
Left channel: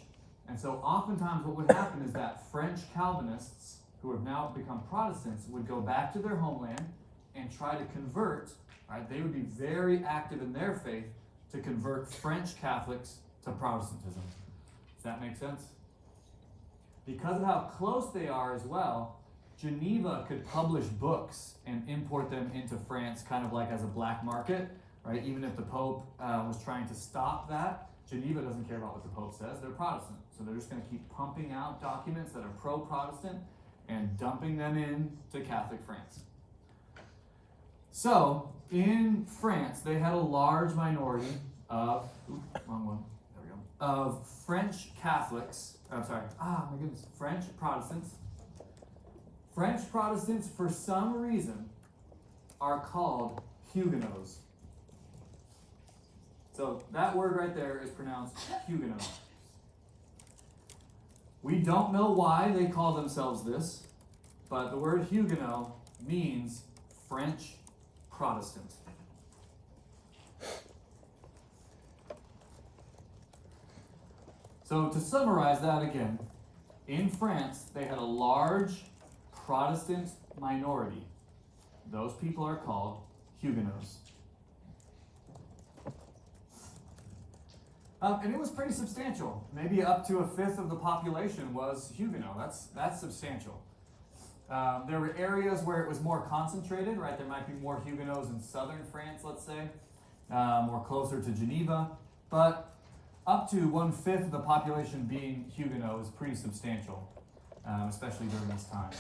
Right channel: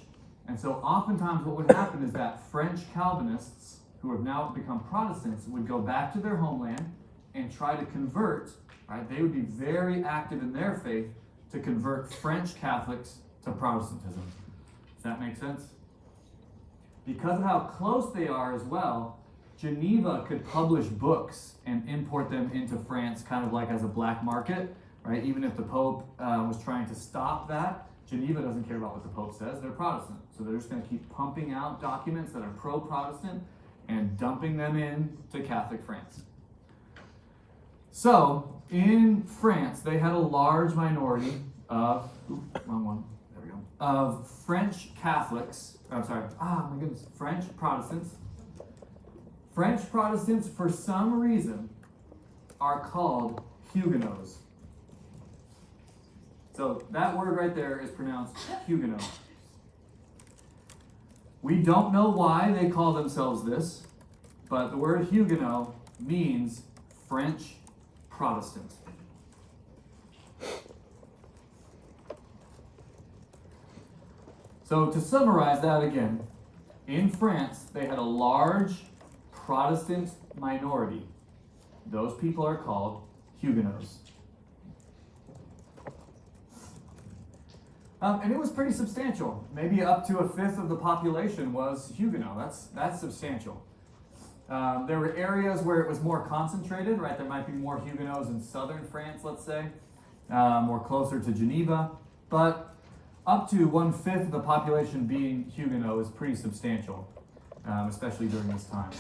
and so oftentimes what would happen is that French Calvinists, who have now become Protestants, would go back to their homeland and try to convert, right? They would be very active in their faith to convert French Catholics to Protestantism. Does that make sense? Because of how close they are as well, Geneva could publish books and import them into France kind of like as a black market, right? Even if the Pope was trying to stop that, Geneva doesn't care about what the Pope says. They're Protestant. So they're just going to keep pumping out documents that are pro-Protestant and dumping them into Catholic France. So, in France, they had a large minority of, of French Catholics, French Protestants. French Protestants, for some reason, are called Huguenots. So that word right there is pronounced Huguenot. We don't know why they call themselves this, but the word Huguenot means French Protestant. So to summarize that again, in France, they had a large Protestant minority. Those people are called Huguenots. And it was pretty substantial. Maybe up to a fifth of the population was Huguenot. That's substantial. There were areas where it was more concentrated, right? There might be more Huguenots in southern France, let's say, more closer to Geneva. But up to 1/5 of the population being Huguenot is pretty substantial, especially during this time.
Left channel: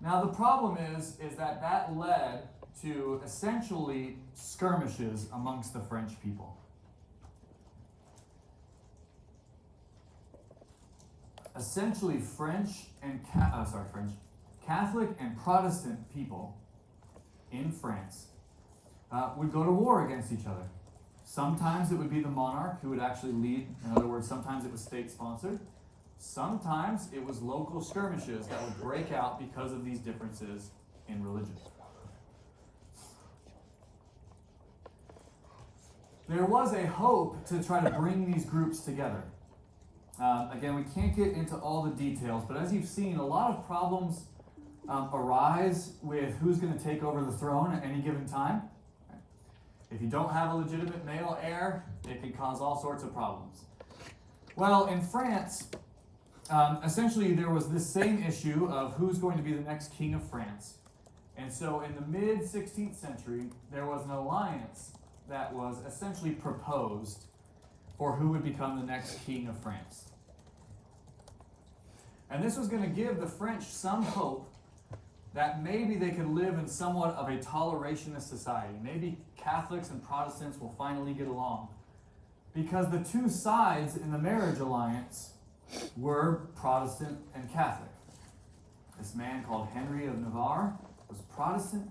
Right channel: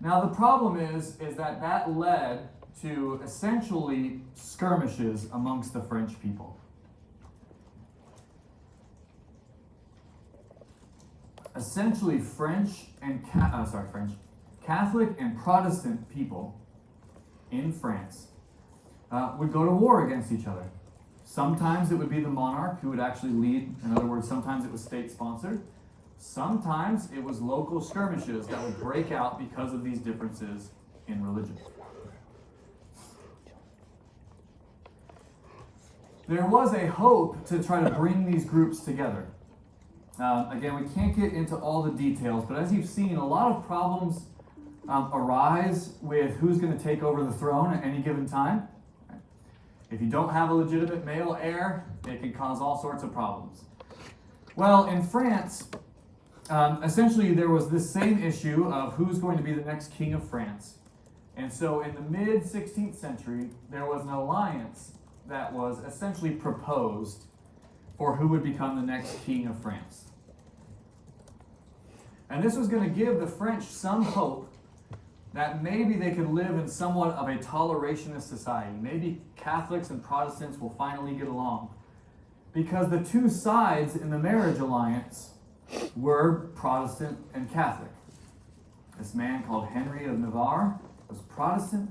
Now the problem is that led to essentially skirmishes amongst the French people. Essentially, Catholic and Protestant people in France would go to war against each other. Sometimes it would be the monarch who would actually lead. In other words, sometimes it was state-sponsored. Sometimes it was local skirmishes that would break out because of these differences in religion. There was a hope to try to bring these groups together. Again, we can't get into all the details, but as you've seen, a lot of problems arise with who's going to take over the throne at any given time. If you don't have a legitimate male heir, it can cause all sorts of problems. Well, in France, essentially there was this same issue of who's going to be the next king of France. And so in the mid-16th century, there was an alliance that was essentially proposed for who would become the next king of France. And this was going to give the French some hope that maybe they could live in somewhat of a tolerationist society. Maybe Catholics and Protestants will finally get along. Because the two sides in the marriage alliance were Protestant and Catholic. This man called Henry of Navarre was Protestant,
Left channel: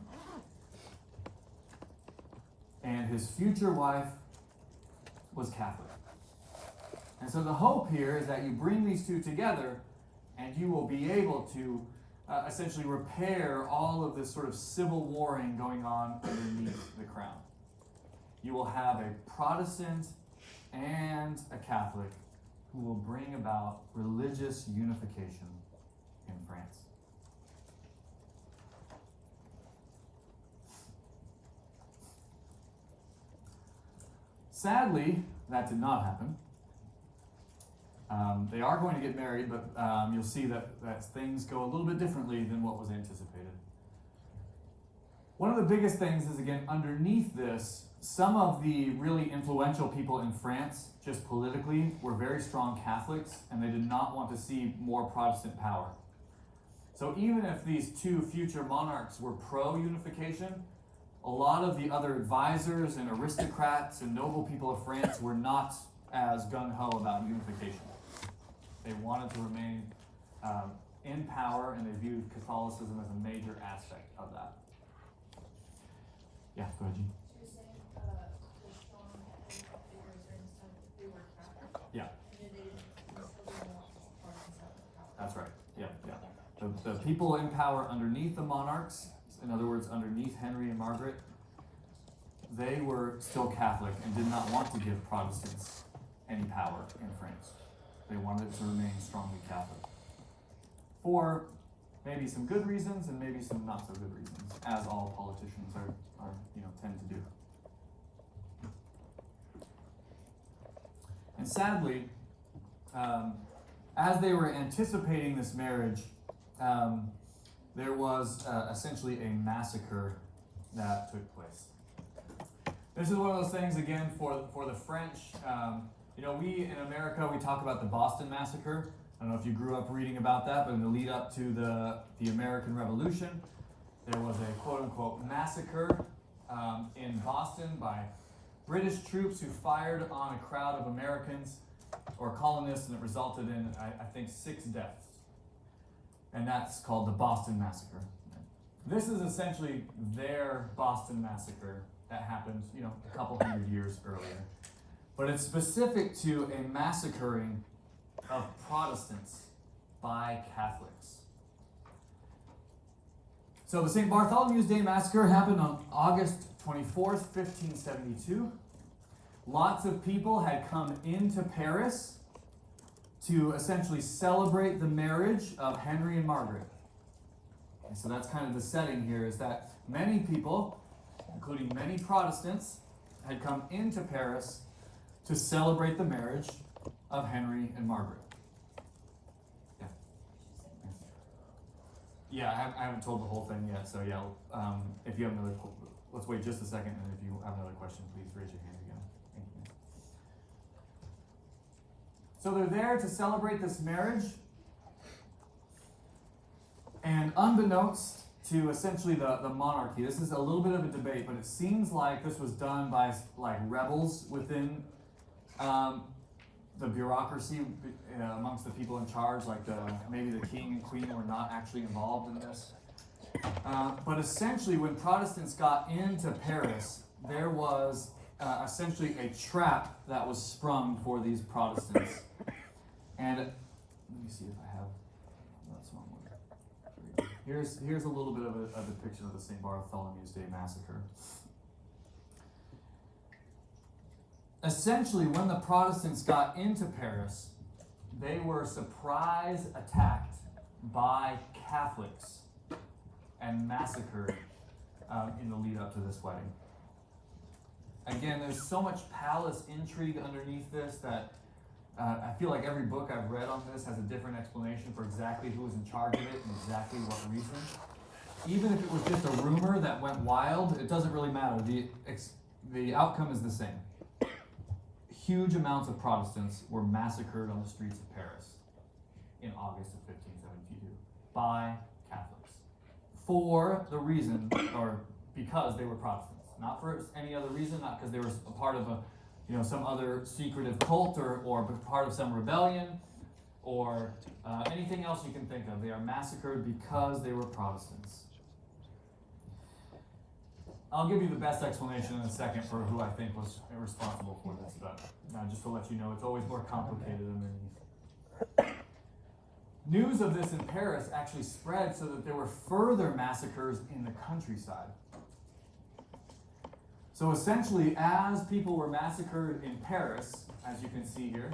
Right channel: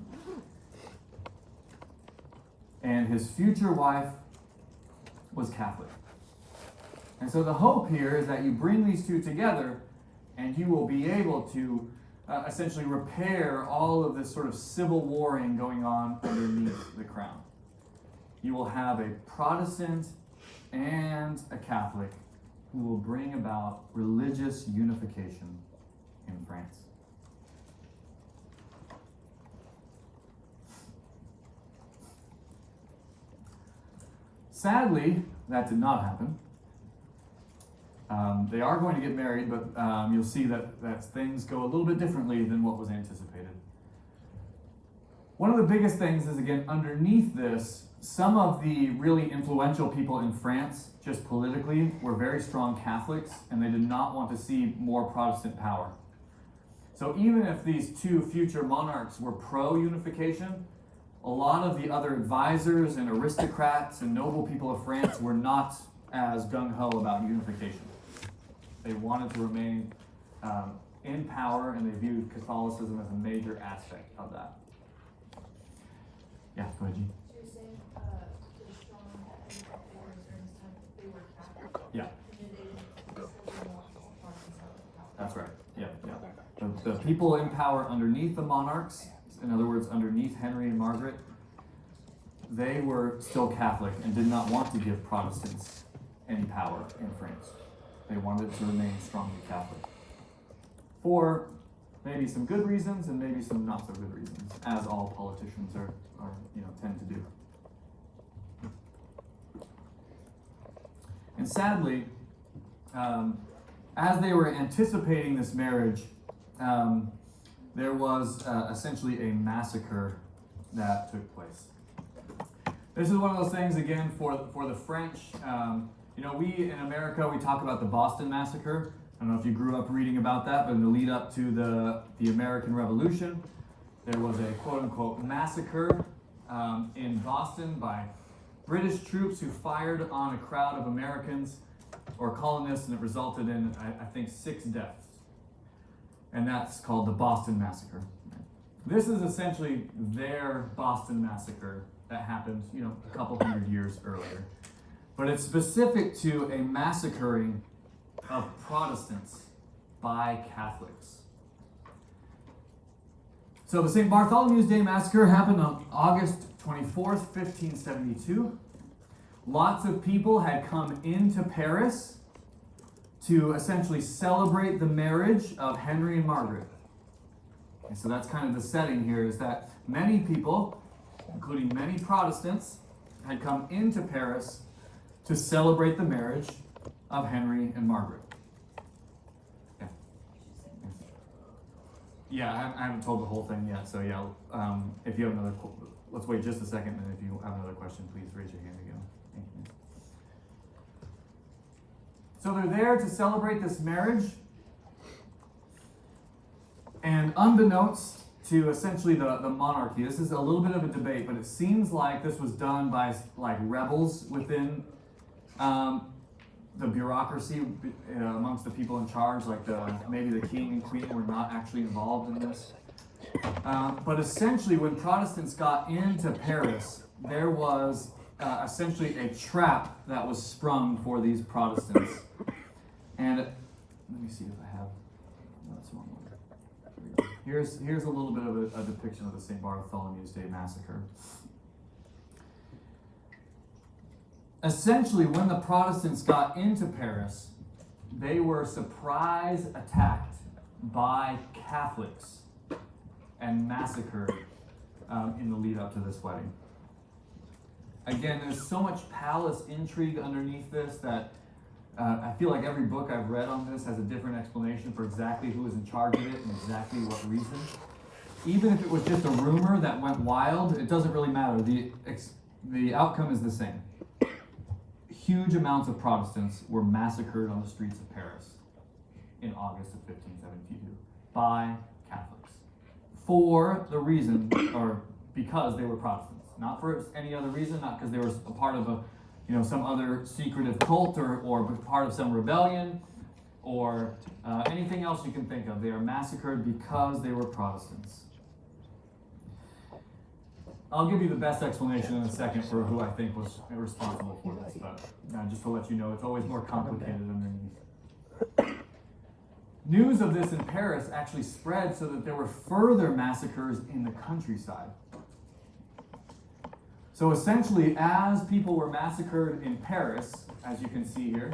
and his future wife was Catholic. And so the hope here is that you bring these two together and you will be able to essentially repair all of this sort of civil warring going on underneath the crown. You will have a Protestant and a Catholic who will bring about religious unification in France. Sadly, that did not happen. They are going to get married, but you'll see that things go a little bit differently than what was anticipated. One of the biggest things is, again, underneath this, some of the really influential people in France, just politically, were very strong Catholics, and they did not want to see more Protestant power. So even if these two future monarchs were pro-unification, a lot of the other advisors and aristocrats and noble people of France were not as gung-ho about unification. They wanted to remain in power, and they viewed Catholicism as a major aspect of that. Yeah, go ahead, Jean. So you're saying, the strong Catholic figures during this time, they were Catholic? Yeah. And they still didn't want to support themselves. That's right. Yeah, yeah. The people in power underneath the monarchs, in other words, underneath Henry and Margaret, they were still Catholic and did not want to give Protestants any power in France. They wanted it to remain strongly Catholic. For maybe some good reasons and maybe some not so good reasons, as all politicians are tend to do. And sadly, as they were anticipating this marriage, there was essentially a massacre that took place. This is one of those things, again, for the French. We in America, we talk about the Boston Massacre. I don't know if you grew up reading about that, but in the lead up to the American Revolution, there was a quote-unquote massacre in Boston by British troops who fired on a crowd of Americans or colonists, and it resulted in, I think, 6 deaths. And that's called the Boston Massacre. This is essentially their Boston Massacre that happened, a couple hundred years earlier. But it's specific to a massacring of Protestants by Catholics. So the St. Bartholomew's Day Massacre happened on August 24th, 1572. Lots of people had come into Paris to essentially celebrate the marriage of Henry and Margaret. And so that's kind of the setting here, is that many people, including many Protestants, had come into Paris to celebrate the marriage of Henry and Margaret. Yeah, I haven't told the whole thing yet, so yeah, if you have another, let's wait just a second, and if you have another question, please raise your hand again. Thank you. So they're there to celebrate this marriage, and unbeknownst to essentially the monarchy, this is a little bit of a debate, but it seems like this was done by rebels within the bureaucracy amongst the people in charge, maybe the king and queen were not actually involved in this. But essentially, when Protestants got into Paris, there was essentially a trap that was sprung for these Protestants. And let me see if I have. No, that's one more. Here we go. Here's a little bit of a depiction of the St. Bartholomew's Day Massacre. Essentially, when the Protestants got into Paris, they were surprise attacked by Catholics and massacred in the lead up to this wedding. Again, there's so much palace intrigue underneath this that I feel like every book I've read on this has a different explanation for exactly who was in charge of it and exactly what reason. Even if it was just a rumor that went wild, it doesn't really matter. The outcome is the same. Huge amounts of Protestants were massacred on the streets of Paris in August of 1572 by Catholics for the reason, or because they were Protestants, not for any other reason, not because they were a part of some other secretive cult or part of some rebellion or anything else you can think of. They are massacred because they were Protestants. I'll give you the best explanation in a second for who I think was responsible for this, but just to let you know, it's always more complicated underneath. News of this in Paris actually spread so that there were further massacres in the countryside. So essentially, as people were massacred in Paris, as you can see here,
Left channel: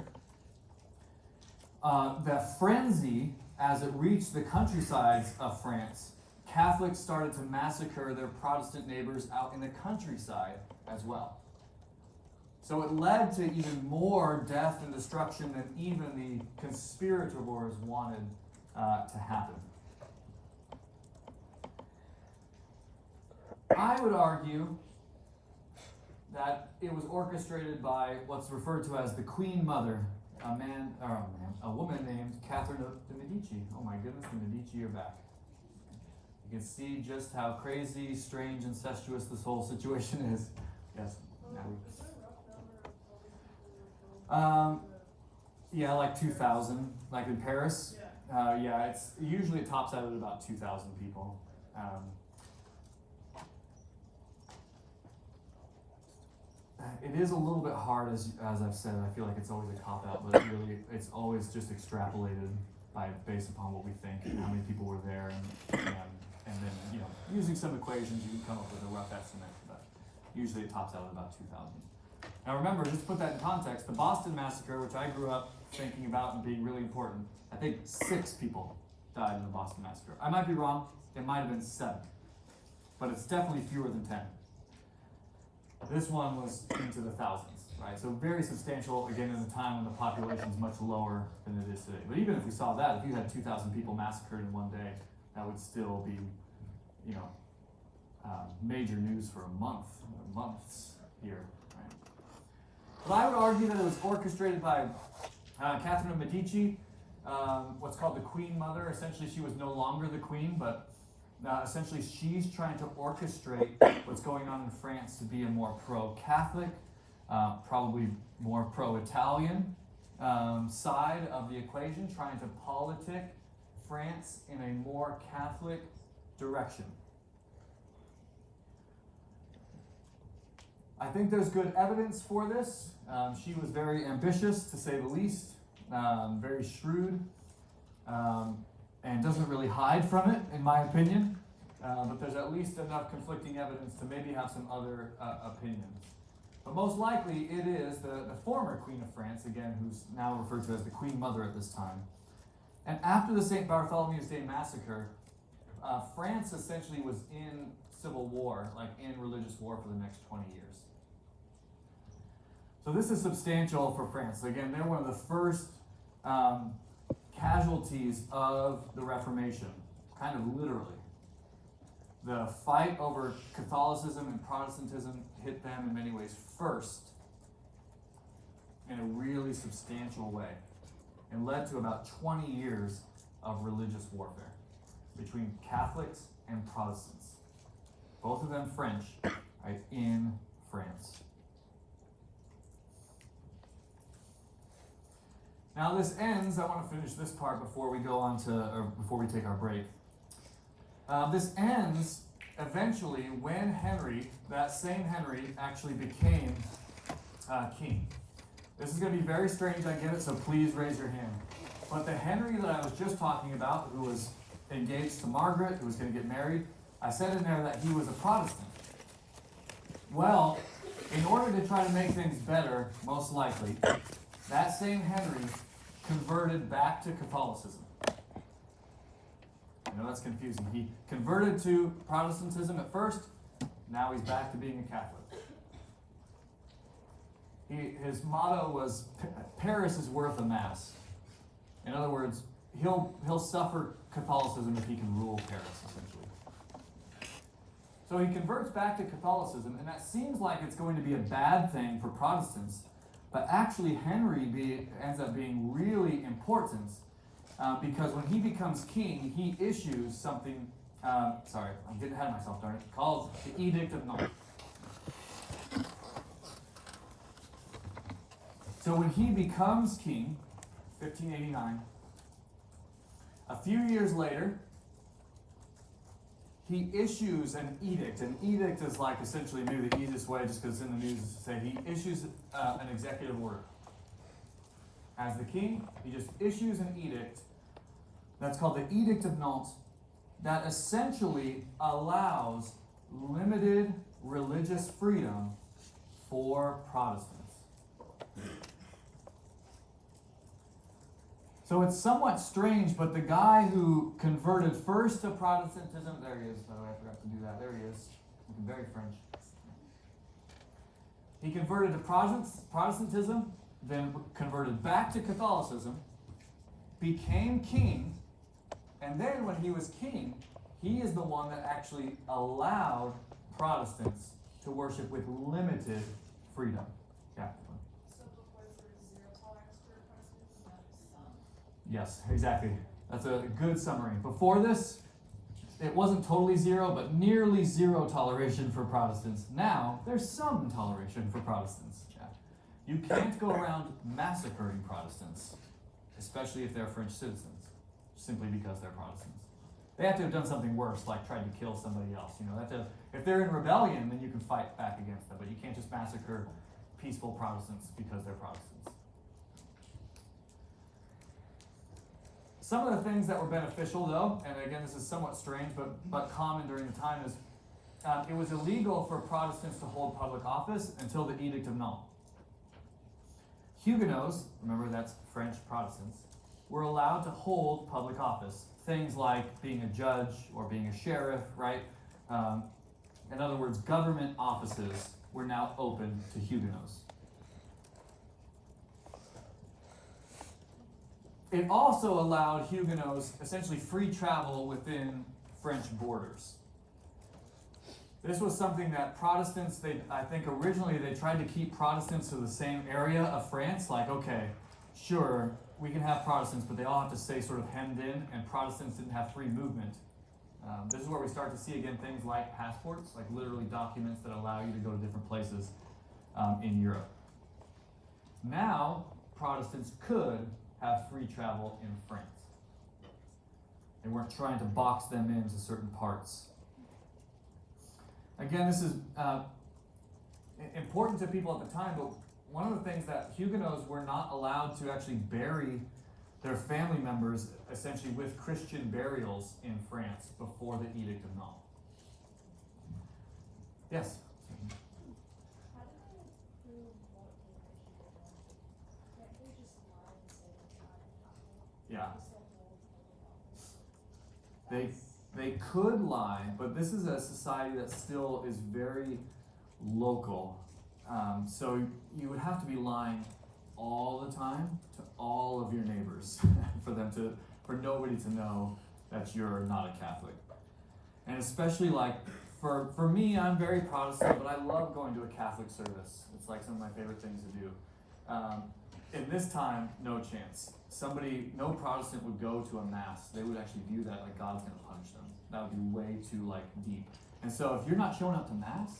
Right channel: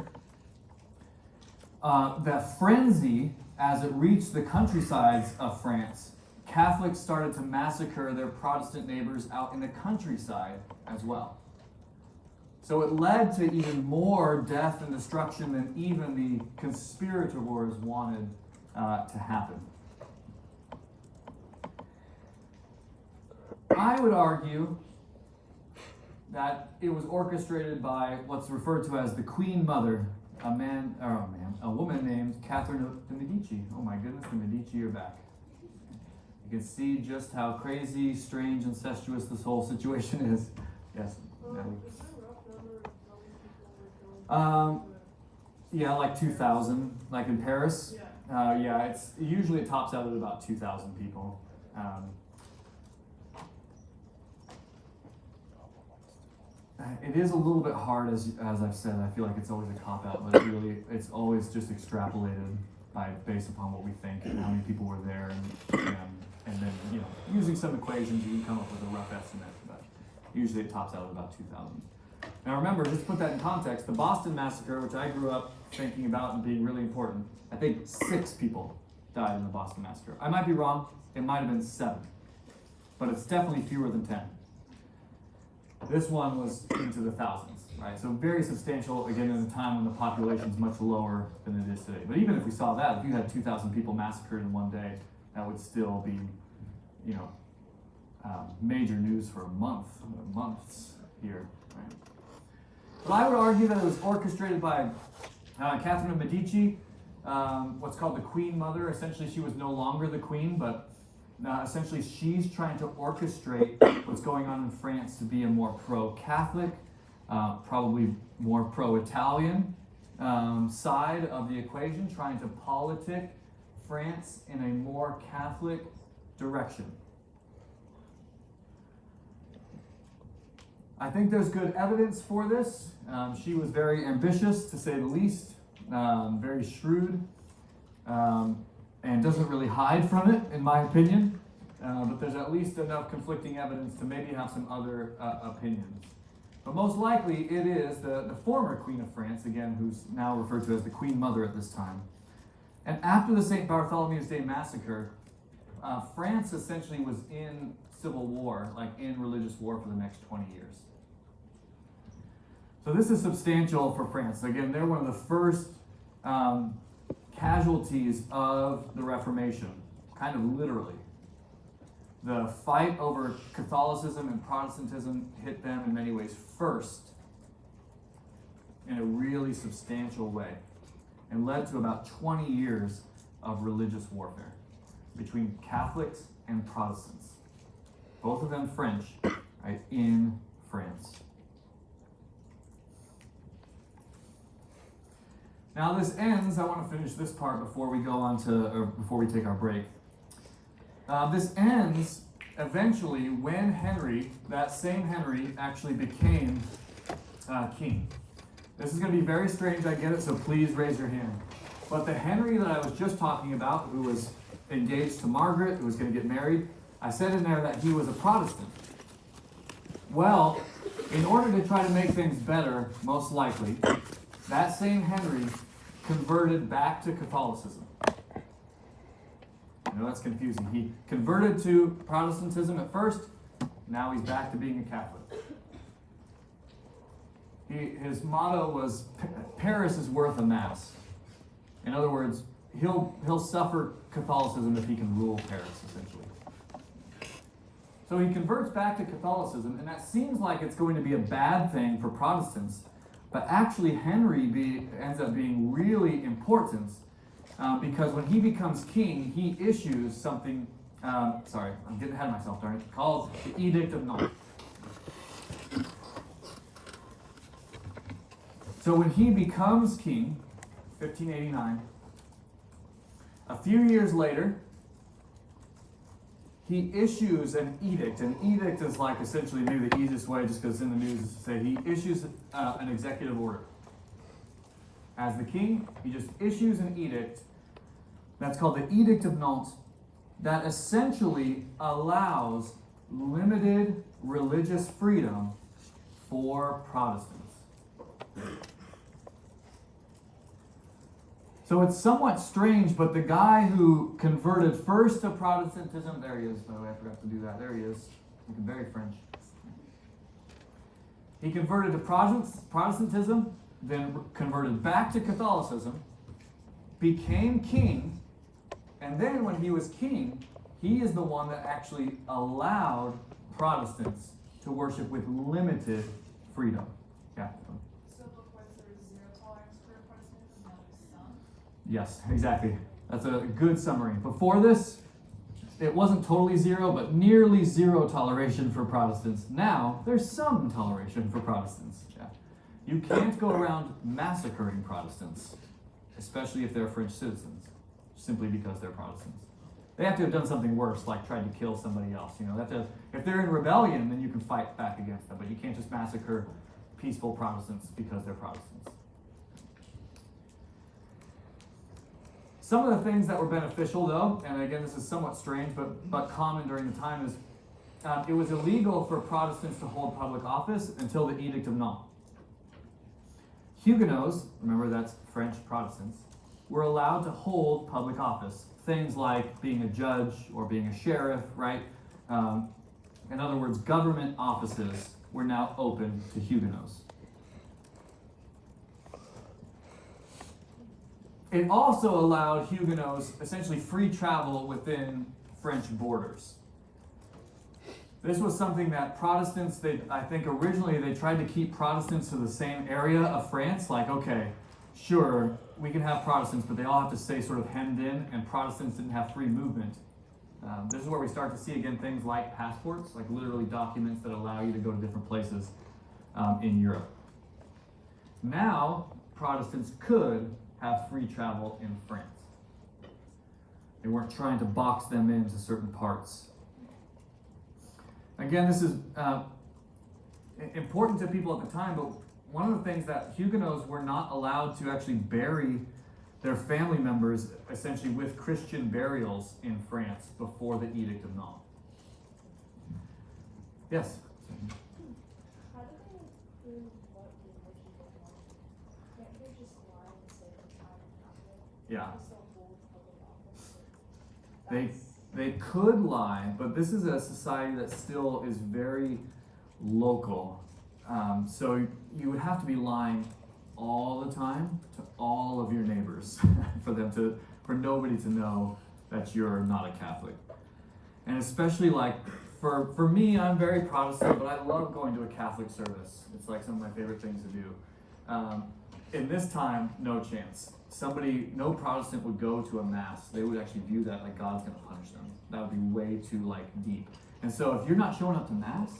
the frenzy, as it reached the countrysides of France, Catholics started to massacre their Protestant neighbors out in the countryside as well. So it led to even more death and destruction than even the conspirators wanted to happen. I would argue that it was orchestrated by what's referred to as the Queen Mother, a woman named Catherine de Medici. Oh my goodness, the Medici are back. You can see just how crazy, strange, incestuous this whole situation is. Yes, Natalie. Is there a rough number of how many people were killed? Yeah, like 2,000, like in Paris. Yeah. Yeah, it's usually it tops out at about 2,000 people. It is a little bit hard, as I've said. I feel like it's always a cop out, but it's always just extrapolated based upon what we think and how many people were there, and then using some equations you can come up with a rough estimate. But usually it tops out at about 2,000. Now remember, just to put that in context, the Boston Massacre, which I grew up thinking about and being really important, I think 6 people died in the Boston Massacre. I might be wrong. It might have been 7, but it's definitely fewer than 10. This one was into the thousands, right? So very substantial, again, at a time when the population is much lower than it is today. But even if we saw that, if you had 2,000 people massacred in one day, that would still be, major news for months here, right? But I would argue that it was orchestrated by Catherine of Medici, what's called the Queen Mother. Essentially, she was no longer the queen, but essentially she's trying to orchestrate what's going on in France to be a more pro-Catholic, probably more pro-Italian side of the equation, trying to politic France in a more Catholic direction. I think there's good evidence for this. She was very ambitious, to say the least, very shrewd, and doesn't really hide from it, in my opinion. But there's at least enough conflicting evidence to maybe have some other opinions. But most likely it is the former Queen of France, again, who's now referred to as the Queen Mother at this time. And after the St. Bartholomew's Day Massacre, France essentially was in civil war, like in religious war for the next 20 years. So this is substantial for France. Again, they're one of the first casualties of the Reformation, kind of literally. The fight over Catholicism and Protestantism hit them in many ways first in a really substantial way and led to about 20 years of religious warfare between Catholics and Protestants. Both of them French, right, in France. Now this ends, I want to finish this part before we go on before we take our break. This ends eventually when Henry, that same Henry, actually became king. This is going to be very strange, I get it, so please raise your hand. But the Henry that I was just talking about, who was engaged to Margaret, who was going to get married, I said in there that he was a Protestant. Well, in order to try to make things better, most likely, that same Henry converted back to Catholicism. I know that's confusing. He converted to Protestantism at first, now he's back to being a Catholic. His motto was, Paris is worth a mass. In other words, he'll suffer Catholicism if he can rule Paris, essentially. So he converts back to Catholicism, and that seems like it's going to be a bad thing for Protestants, but actually Henry ends up being really important because when he becomes king, he issues something, sorry, I'm getting ahead of myself, darn it, called the Edict of Nantes. So when he becomes king, 1589, a few years later, he issues an edict. An edict is like essentially maybe the easiest way, just because it's in the news, is to say he issues an executive order. As the king, he just issues an edict that's called the Edict of Nantes that essentially allows limited religious freedom for Protestants. So it's somewhat strange, but the guy who converted first to Protestantism, there he is, by the way, I forgot to do that, there he is, looking very French. He converted to Protestantism, then converted back to Catholicism, became king, and then when he was king, he is the one that actually allowed Protestants to worship with limited freedom. Yeah. So before there was zero tolerance for Protestantism, now there's some. Yes, exactly. That's a good summary. Before this, it wasn't totally zero, but nearly zero toleration for Protestants. Now, there's some toleration for Protestants. Yeah. You can't go around massacring Protestants, especially if they're French citizens, simply because they're Protestants. They have to have done something worse, like tried to kill somebody else. You know, they have to, if they're in rebellion, then you can fight back against them, but you can't just massacre peaceful Protestants because they're Protestants. Some of the things that were beneficial, though, and again, this is somewhat strange, but common during the time, is it was illegal for Protestants to hold public office until the Edict of Nantes. Huguenots, remember that's French Protestants, were allowed to hold public office. Things like being a judge or being a sheriff, right? In other words, government offices were now open to Huguenots. It also allowed Huguenots essentially free travel within French borders. This was something that Protestants, I think originally they tried to keep Protestants to the same area of France. Like, okay, sure, we can have Protestants, but they all have to stay sort of hemmed in, and Protestants didn't have free movement. This is where we start to see again things like passports, like literally documents that allow you to go to different places in Europe. Now, Protestants could have free travel in France. They weren't trying to box them into certain parts. Again, this is important to people at the time, but one of the things that Huguenots were not allowed to actually bury their family members essentially with Christian burials in France before the Edict of Nantes. Yes? How do they prove what the Edict of Nantes? Can't they just lie and say it's not Catholic? Yeah. Still hold public office? They could lie, but this is a society that still is very local. So you would have to be lying all the time to all of your neighbors for nobody to know that you're not a Catholic. And especially like for me, I'm very Protestant, but I love going to a Catholic service. It's like some of my favorite things to do. In this time, no chance. No Protestant would go to a mass. They would actually view that like God's going to punish them. That would be way too like deep. And so if you're not showing up to mass,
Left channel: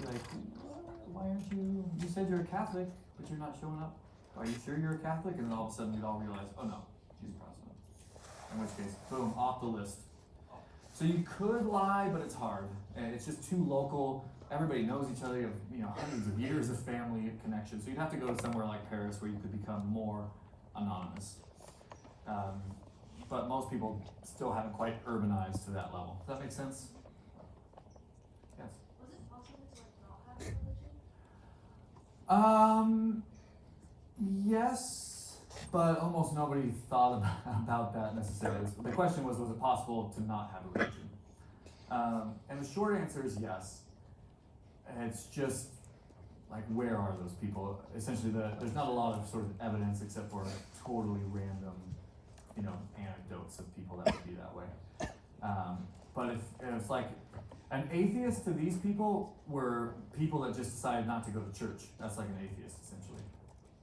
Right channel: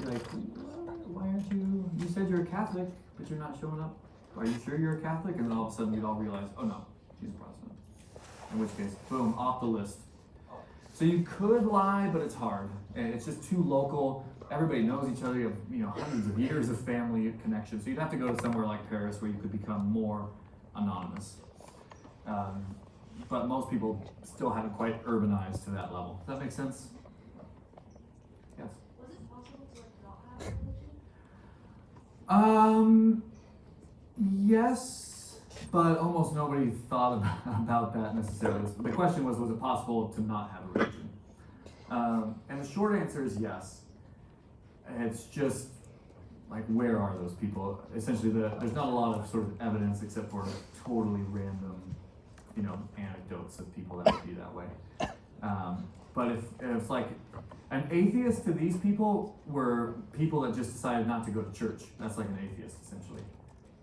you're like, why aren't you? You said you're a Catholic, but you're not showing up. Are you sure you're a Catholic? And then all of a sudden you'd all realize, oh no, she's a Protestant. In which case, boom, off the list. So you could lie, but it's hard. And it's just too local. Everybody knows each other. You have, hundreds of years of family connection. So you'd have to go to somewhere like Paris where you could become more anonymous. But most people still haven't quite urbanized to that level. Does that make sense? Yes? Was it possible to not have a religion? Yes, but almost nobody thought about that necessarily. The question was it possible to not have a religion? And the short answer is yes. It's just like, where are those people? Essentially, there's not a lot of sort of evidence except for totally random, anecdotes of people that would be that way. But if like an atheist to these people were people that just decided not to go to church. That's like an atheist, essentially.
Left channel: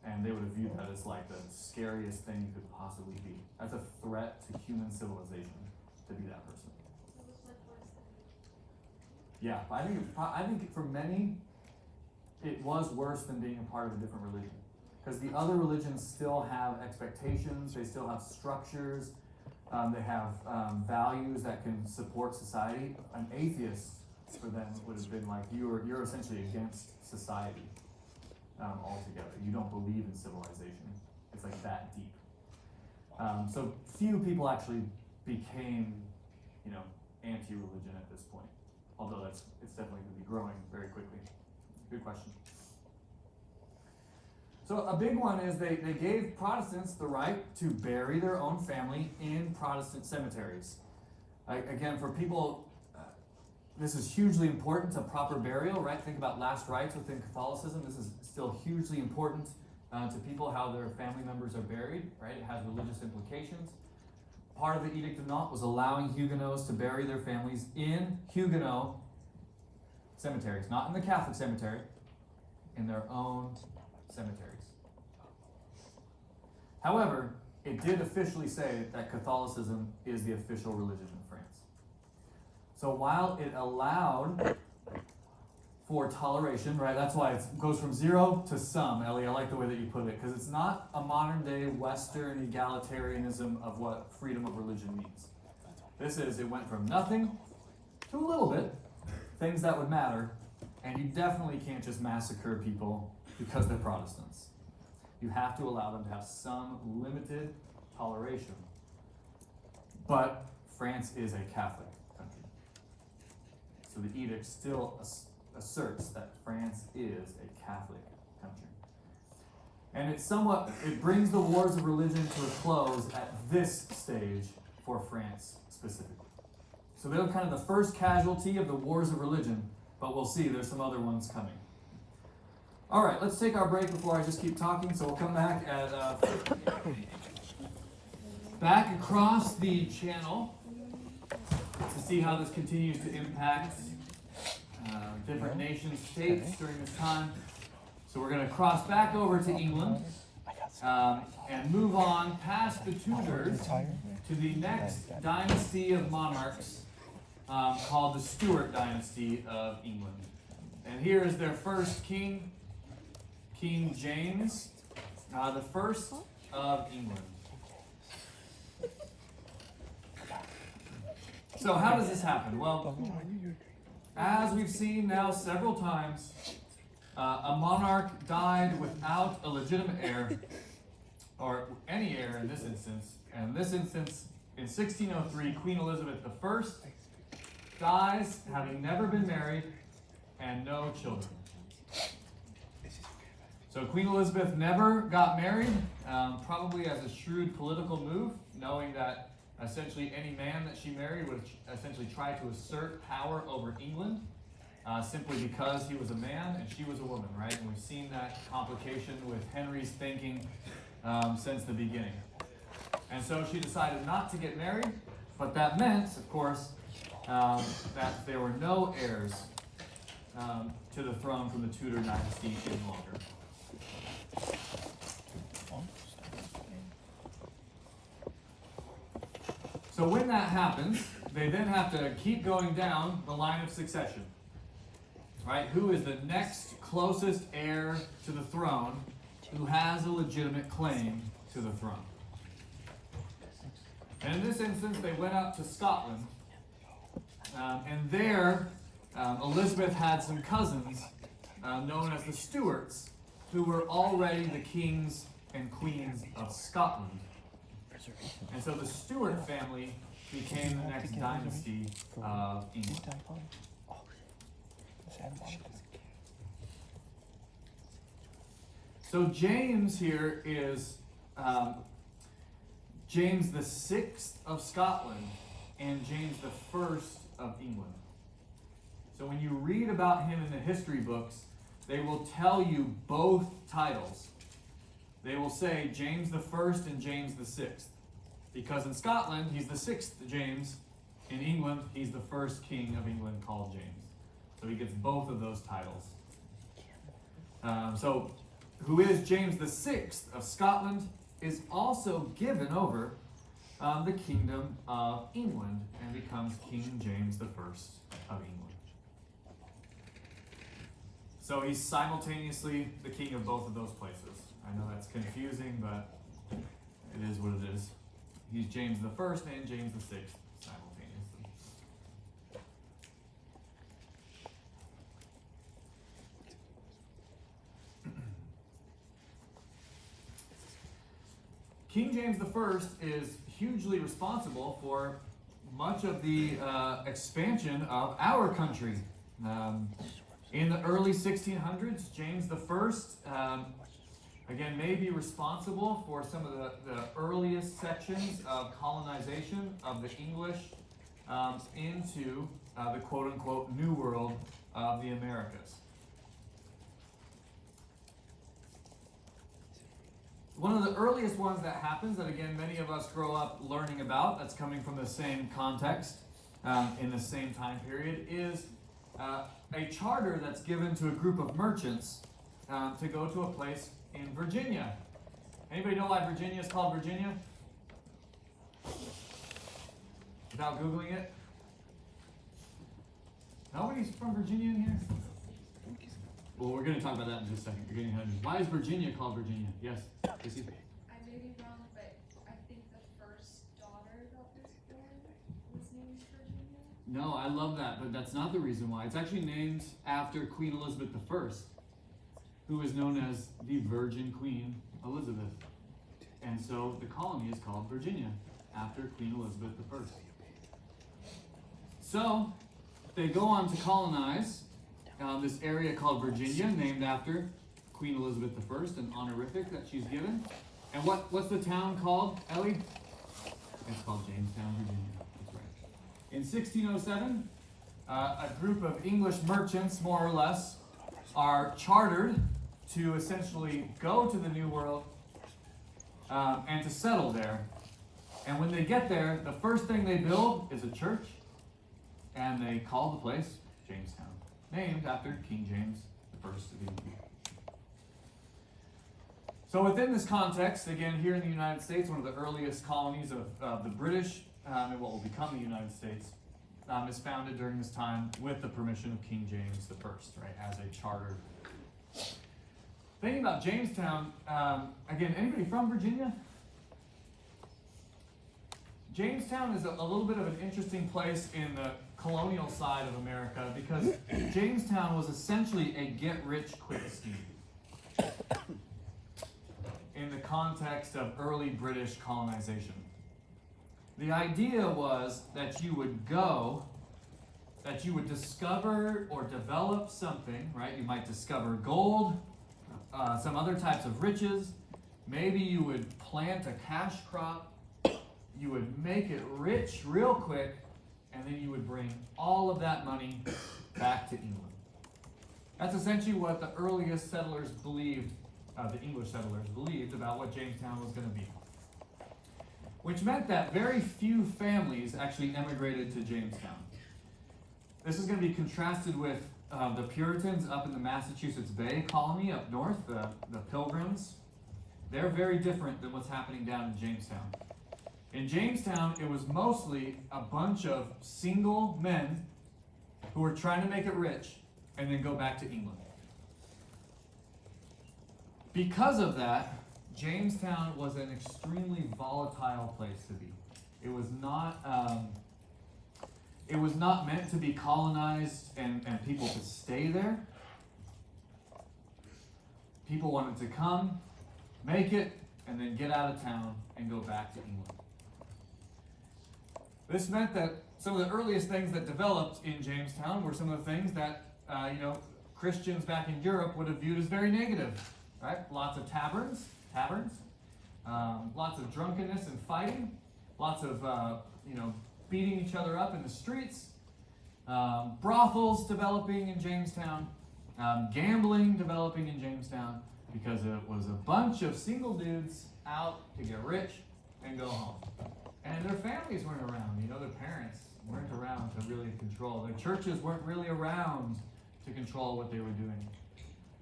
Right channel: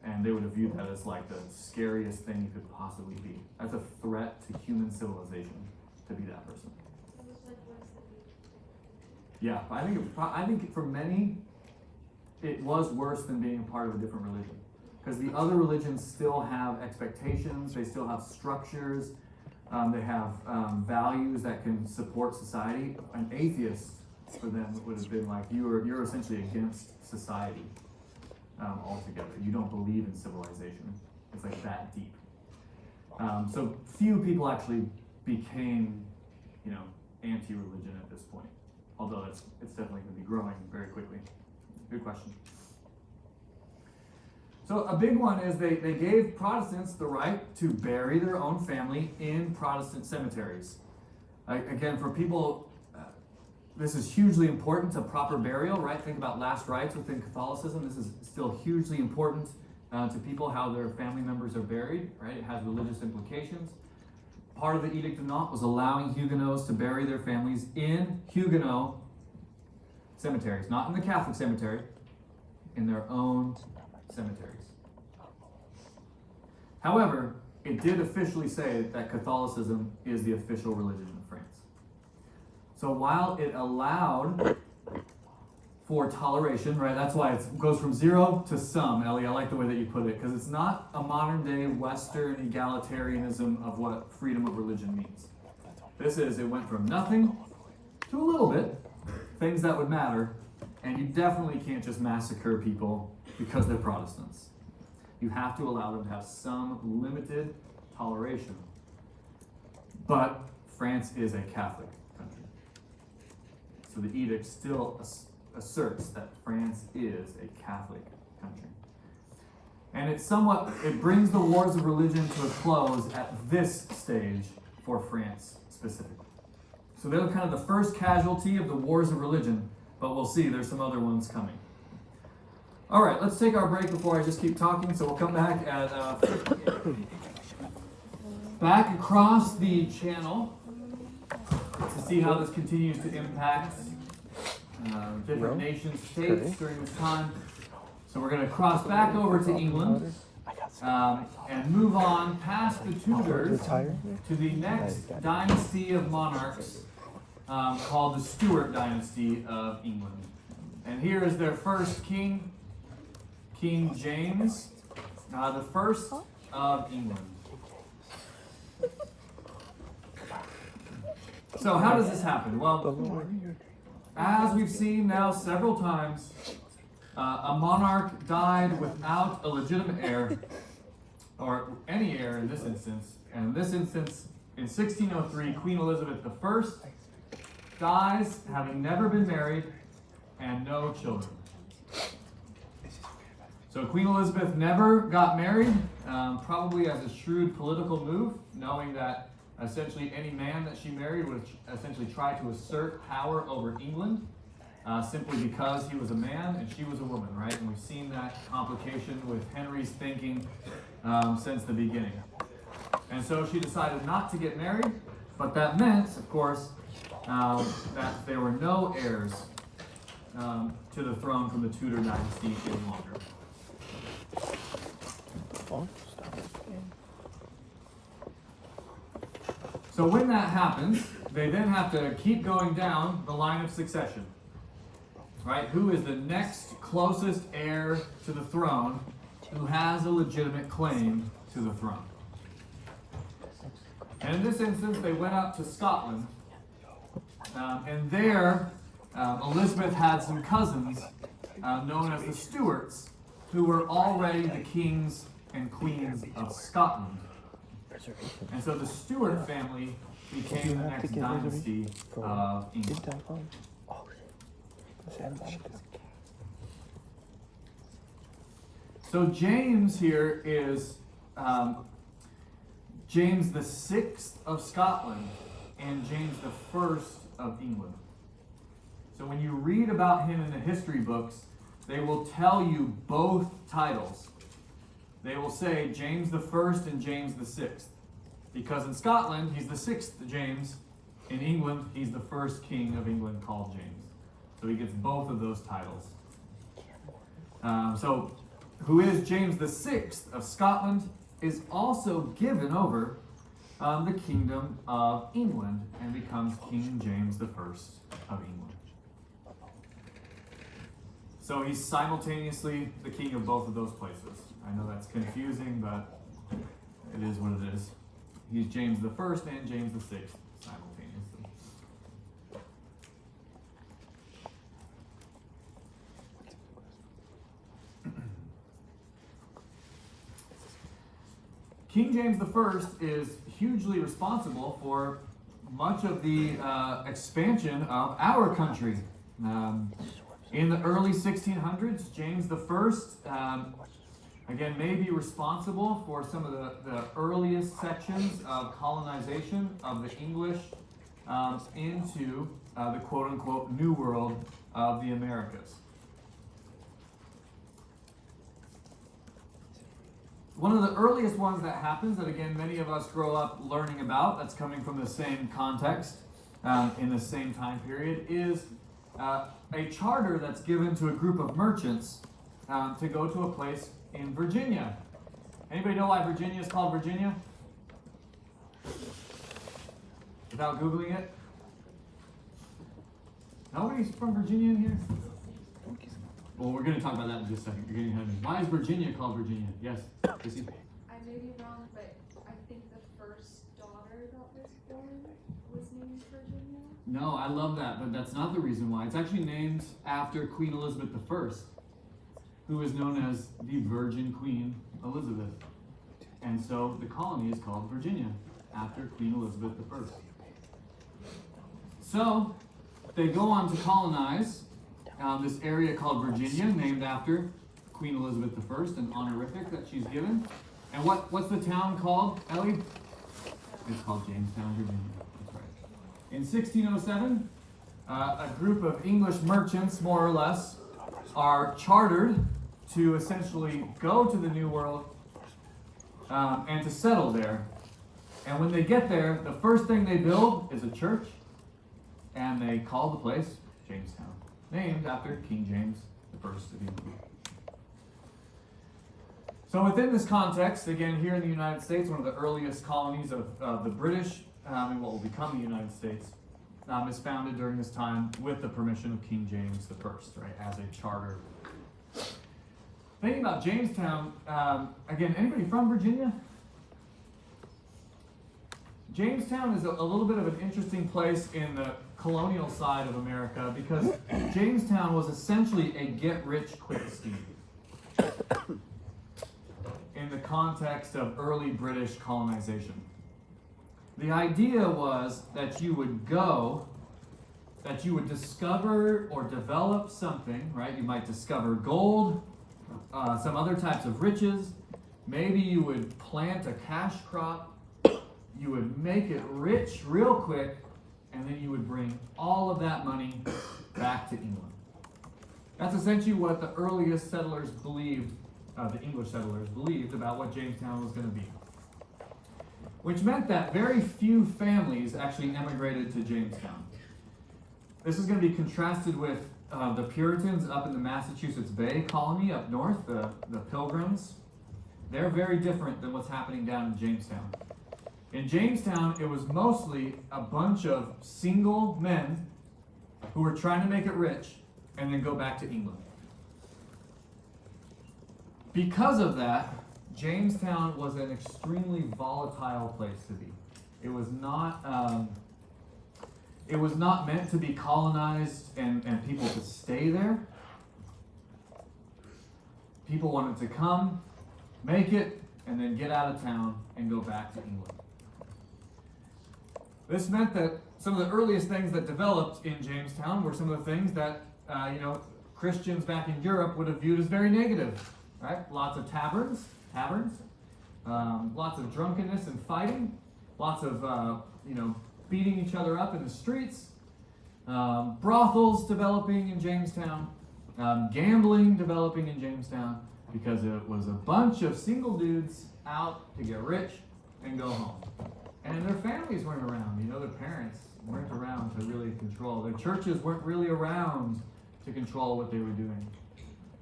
And they would have viewed that as like the scariest thing you could possibly be. That's a threat to human civilization to be that person. It was like, what is the need? Yeah, I think for many, it was worse than being a part of a different religion. Because the other religions still have expectations, they still have structures, they have values that can support society. An atheist, for them, would have been like, you're essentially against society altogether. You don't believe in civilization. It's like that deep. So few people actually became, anti-religion at this point. Although it's definitely going to be growing very quickly. Good question. So a big one is they gave Protestants the right to bury their own family in Protestant cemeteries. Again, for people, this is hugely important to proper burial, right? Think about last rites within Catholicism. This is still hugely important to people, how their family members are buried, right? It has religious implications. Part of the Edict of Nantes was allowing Huguenots to bury their families in Huguenot cemeteries, not in the Catholic cemetery, in their own cemeteries. However, it did officially say that Catholicism is the official religion of France. So while it allowed for toleration, right, that's why it goes from 0 to some, Ellie, I like the way that you put it, because it's not a modern day Western egalitarianism of what freedom of religion means. This is, it went from nothing to a little bit, things that would matter, and you definitely can't just massacre people because they're Protestants. You have to allow them to have some limited toleration. But France is a Catholic country. So the edict still asserts that France is a Catholic country. And it brings the wars of religion to a close at this stage for France specifically. So they're kind of the first casualty of the wars of religion, but we'll see, there's some other ones coming. All right, let's take our break before I just keep talking. So we'll come back at back across the channel to see how this continues to impact different nation states during this time. So we're going to cross back over to England and move on past the Tudors to the next dynasty of monarchs called the Stuart dynasty of England. And here is their first king, King James, the first of England. So how does this happen? Well, as we've seen now several times, a monarch died without a legitimate heir, or any heir in this instance. And in this instance, in 1603, Queen Elizabeth I dies having never been married and no children. So Queen Elizabeth never got married, probably as a shrewd political move, knowing that essentially any man that she married would essentially try to assert power over England, simply because he was a man and she was a woman, right? And we've seen that complication with Henry's thinking since the beginning. And so she decided not to get married, but that meant, of course, that there were no heirs to the throne from the Tudor dynasty any longer. So when that happens, they then have to keep going down the line of succession, right? Who is the next closest heir to the throne who has a legitimate claim to the throne? And in this instance, they went up to Scotland, and there Elizabeth had some cousins known as the Stuarts, who were already the kings and queens of Scotland. And so the Stuart family became the next dynasty of England. So James here is James the Sixth of Scotland and James the First of England. So when you read about him in the history books, they will tell you both titles. They will say James the First and James the Sixth. Because in Scotland, he's the sixth James. In England, he's the first king of England called James. So he gets both of those titles. So who is James the Sixth of Scotland is also given over the kingdom of England and becomes King James the First of England. So he's simultaneously the king of both of those places. I know that's confusing, but it is what it is. He's James the First and James the Sixth simultaneously. King James the First is hugely responsible for much of the expansion of our country. In the early 1600s, James the First again, may be responsible for some of the earliest sections of colonization of the English into the quote-unquote New World of the Americas. One of the earliest ones that happens, that again many of us grow up learning about, that's coming from the same context, in the same time period, is a charter that's given to a group of merchants to go to a place in Virginia. Anybody know why Virginia is called Virginia? Without Googling it? Nobody's from Virginia in here? Well, we're going to talk about that in just a second. You're getting ahead of me. Why is Virginia called Virginia? Yes, Chrissy? I may be wrong, but I think the first daughter that was born was named Virginia. No, I love that, but that's not the reason why. It's actually named after Queen Elizabeth I, who is known as the Virgin Queen Elizabeth. And so the colony is called Virginia, after Queen Elizabeth I. So, they go on to colonize this area called Virginia, named after Queen Elizabeth I, an honorific that she's given. And what's the town called, Ellie? It's called Jamestown, Virginia. That's right. In 1607, a group of English merchants, more or less, are chartered to essentially go to the New World and to settle there. And when they get there, the first thing they build is a church, and they call the place Jamestown, named after King James I of England. So within this context, again, here in the United States, one of the earliest colonies of the British, in what will become the United States, is founded during this time with the permission of King James I, right, as a charter. Thinking about Jamestown, again, anybody from Virginia? Jamestown is a little bit of an interesting place in the colonial side of America because Jamestown was essentially a get-rich-quick scheme in the context of early British colonization. The idea was that you would go, that you would discover or develop something, right? You might discover gold, some other types of riches. Maybe you would plant a cash crop. You would make it rich real quick, and then you would bring all of that money back to England. That's essentially what the earliest settlers believed, the English settlers believed about what Jamestown was going to be. Which meant that very few families actually emigrated to Jamestown. This is going to be contrasted with the Puritans up in the Massachusetts Bay colony up north, the Pilgrims. They're very different than what's happening down in Jamestown. In Jamestown, it was mostly a bunch of single men who were trying to make it rich and then go back to England. Because of that, Jamestown was an extremely volatile place to be. It was not meant to be colonized and people to stay there. People wanted to come, make it, and then get out of town and go back to England. This meant that some of the earliest things that developed in Jamestown were some of the things that Christians back in Europe would have viewed as very negative, right? Lots of taverns, lots of drunkenness and fighting, lots of beating each other up in the streets, brothels developing in Jamestown, gambling developing in Jamestown, because it was a bunch of single dudes out to get rich and go home. And their families weren't around, their parents weren't around to really control. Their churches weren't really around to control what they were doing.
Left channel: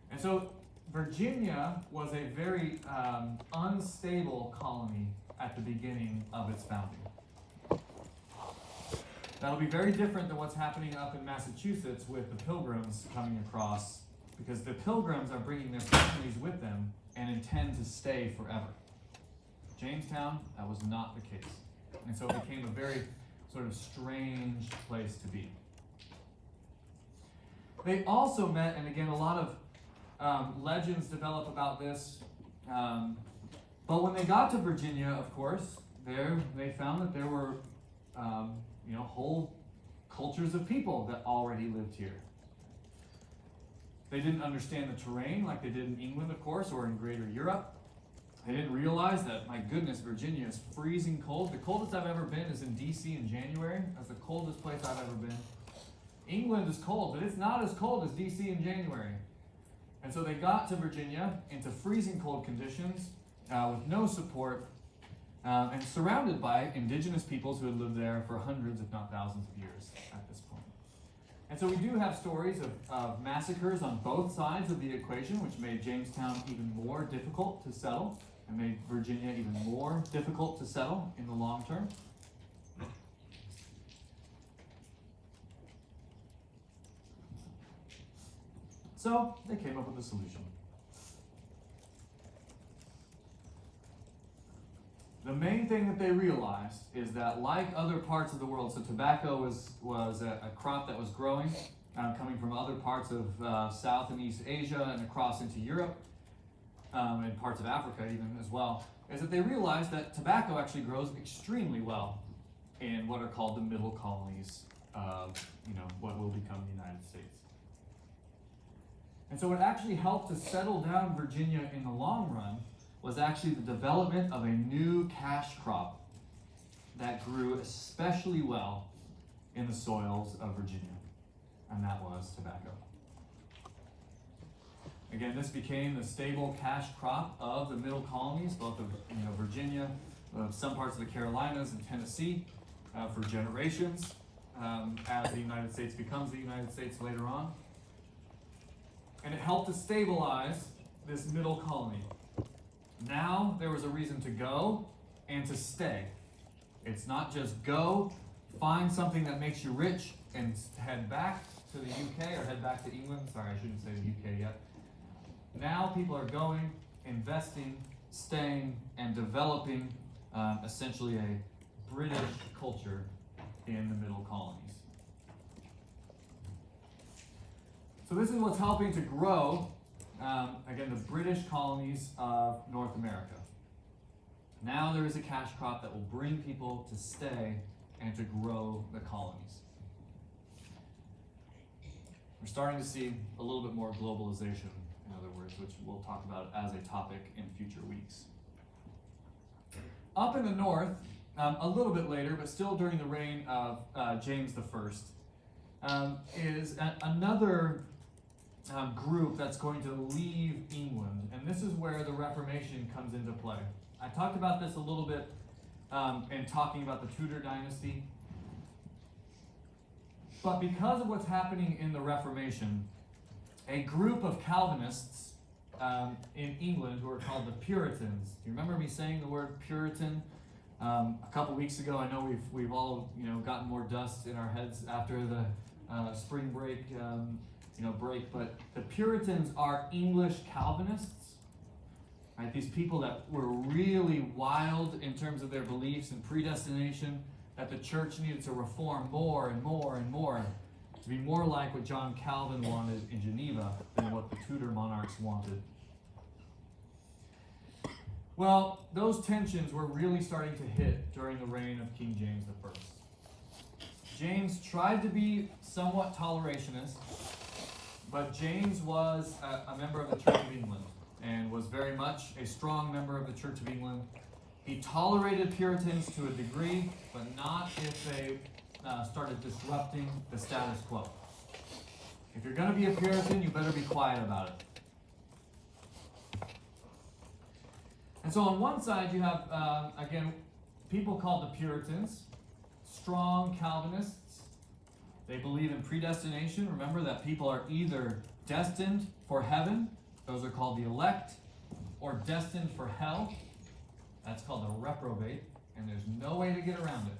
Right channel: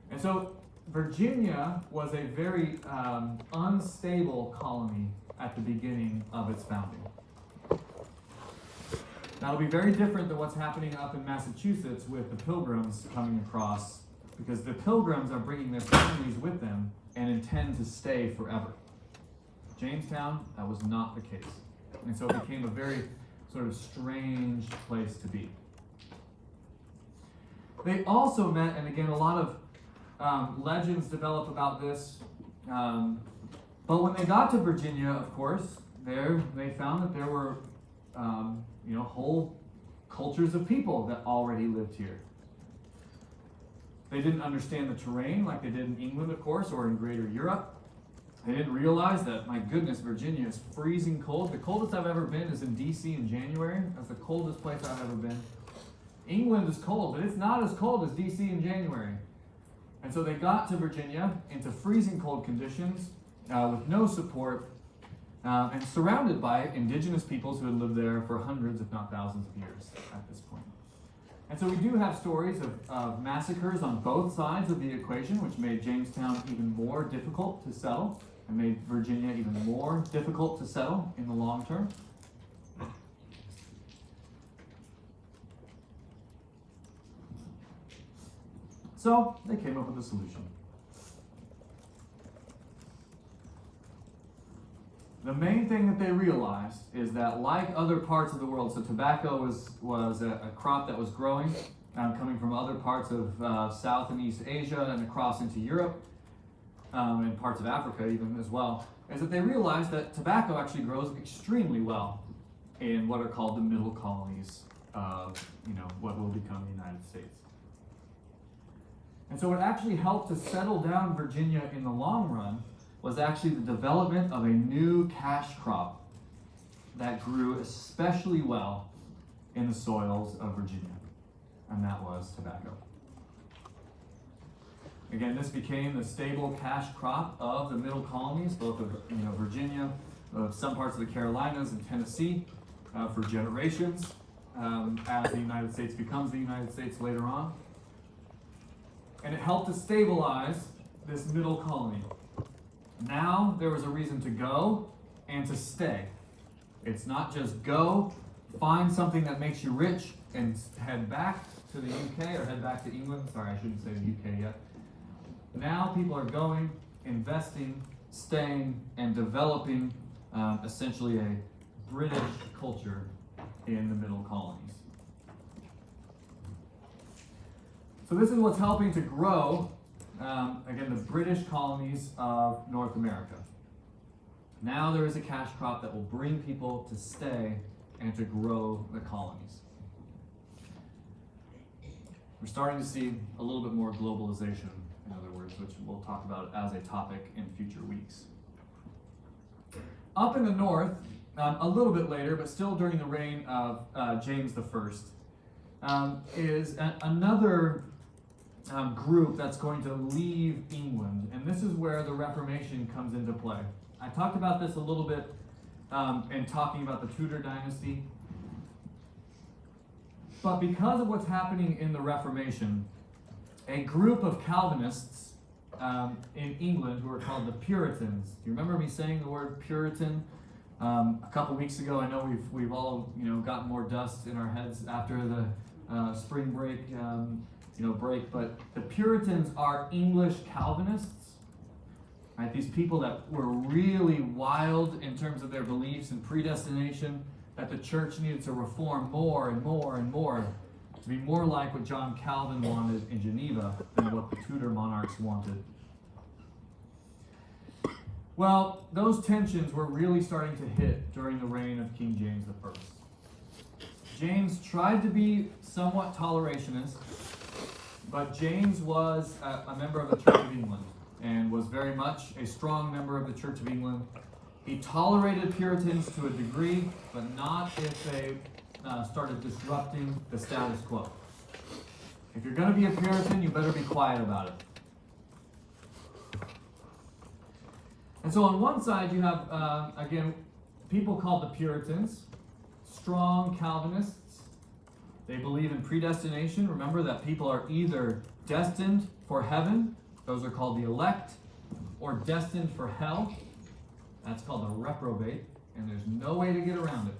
And so Virginia was a very unstable colony at the beginning of its founding. That'll be very different than what's happening up in Massachusetts with the Pilgrims coming across, because the Pilgrims are bringing their families with them and intend to stay forever. Jamestown, that was not the case. And so it became a very sort of strange place to be. They also met, and again, a lot of legends develop about this, but when they got to Virginia, of course, they found that there were whole cultures of people that already lived here. They didn't understand the terrain like they did in England, of course, or in Greater Europe. They didn't realize that, my goodness, Virginia is freezing cold. The coldest I've ever been is in D.C. in January. That's the coldest place I've ever been. England is cold, but it's not as cold as DC in January. And so they got to Virginia into freezing cold conditions with no support and surrounded by indigenous peoples who had lived there for hundreds, if not thousands of years at this point. And so we do have stories of massacres on both sides of the equation, which made Jamestown even more difficult to settle and made Virginia even more difficult to settle in the long term. So they came up with a solution. The main thing that they realized is that, like other parts of the world, so tobacco was a crop that was growing, coming from other parts of South and East Asia and across into Europe, and parts of Africa even as well, is that they realized that tobacco actually grows extremely well in what are called the middle colonies of, what will become the United States. And so what actually helped to settle down Virginia in the long run was actually the development of a new cash crop that grew especially well in the soils of Virginia, and that was tobacco. Again, this became the stable cash crop of the middle colonies, both of Virginia, of some parts of the Carolinas and Tennessee, for generations, as the United States becomes the United States later on. And it helped to stabilize this middle colony. Now there was a reason to go and to stay. It's not just go, find something that makes you rich, and head back to the UK or head back to England. Sorry, I shouldn't say the UK yet. Now people are going, investing, staying, and developing essentially a British culture in the middle colonies. So this is what's helping to grow, again, the British colonies of North America. Now there is a cash crop that will bring people to stay and to grow the colonies. We're starting to see a little bit more globalization, in other words, which we'll talk about as a topic in future weeks. Up in the north, a little bit later, but still during the reign of James I, is another group that's going to leave England, and this is where the Reformation comes into play. I talked about this a little bit in talking about the Tudor dynasty, but because of what's happening in the Reformation, a group of Calvinists in England who are called the Puritans. Do you remember me saying the word Puritan a couple weeks ago? I know we've all gotten more dust in our heads after the spring break. But the Puritans are English Calvinists, right? These people that were really wild in terms of their beliefs and predestination, that the church needed to reform more and more and more to be more like what John Calvin wanted in Geneva than what the Tudor monarchs wanted. Well, those tensions were really starting to hit during the reign of King James I. James tried to be somewhat tolerationist, but James was a member of the Church of England and was very much a strong member of the Church of England. He tolerated Puritans to a degree, but not if they started disrupting the status quo. If you're going to be a Puritan, you better be quiet about it. And so on one side you have, again, people called the Puritans, strong Calvinists. They believe in predestination. Remember that people are either destined for heaven, those are called the elect, or destined for hell. That's called the reprobate, and there's no way to get around it.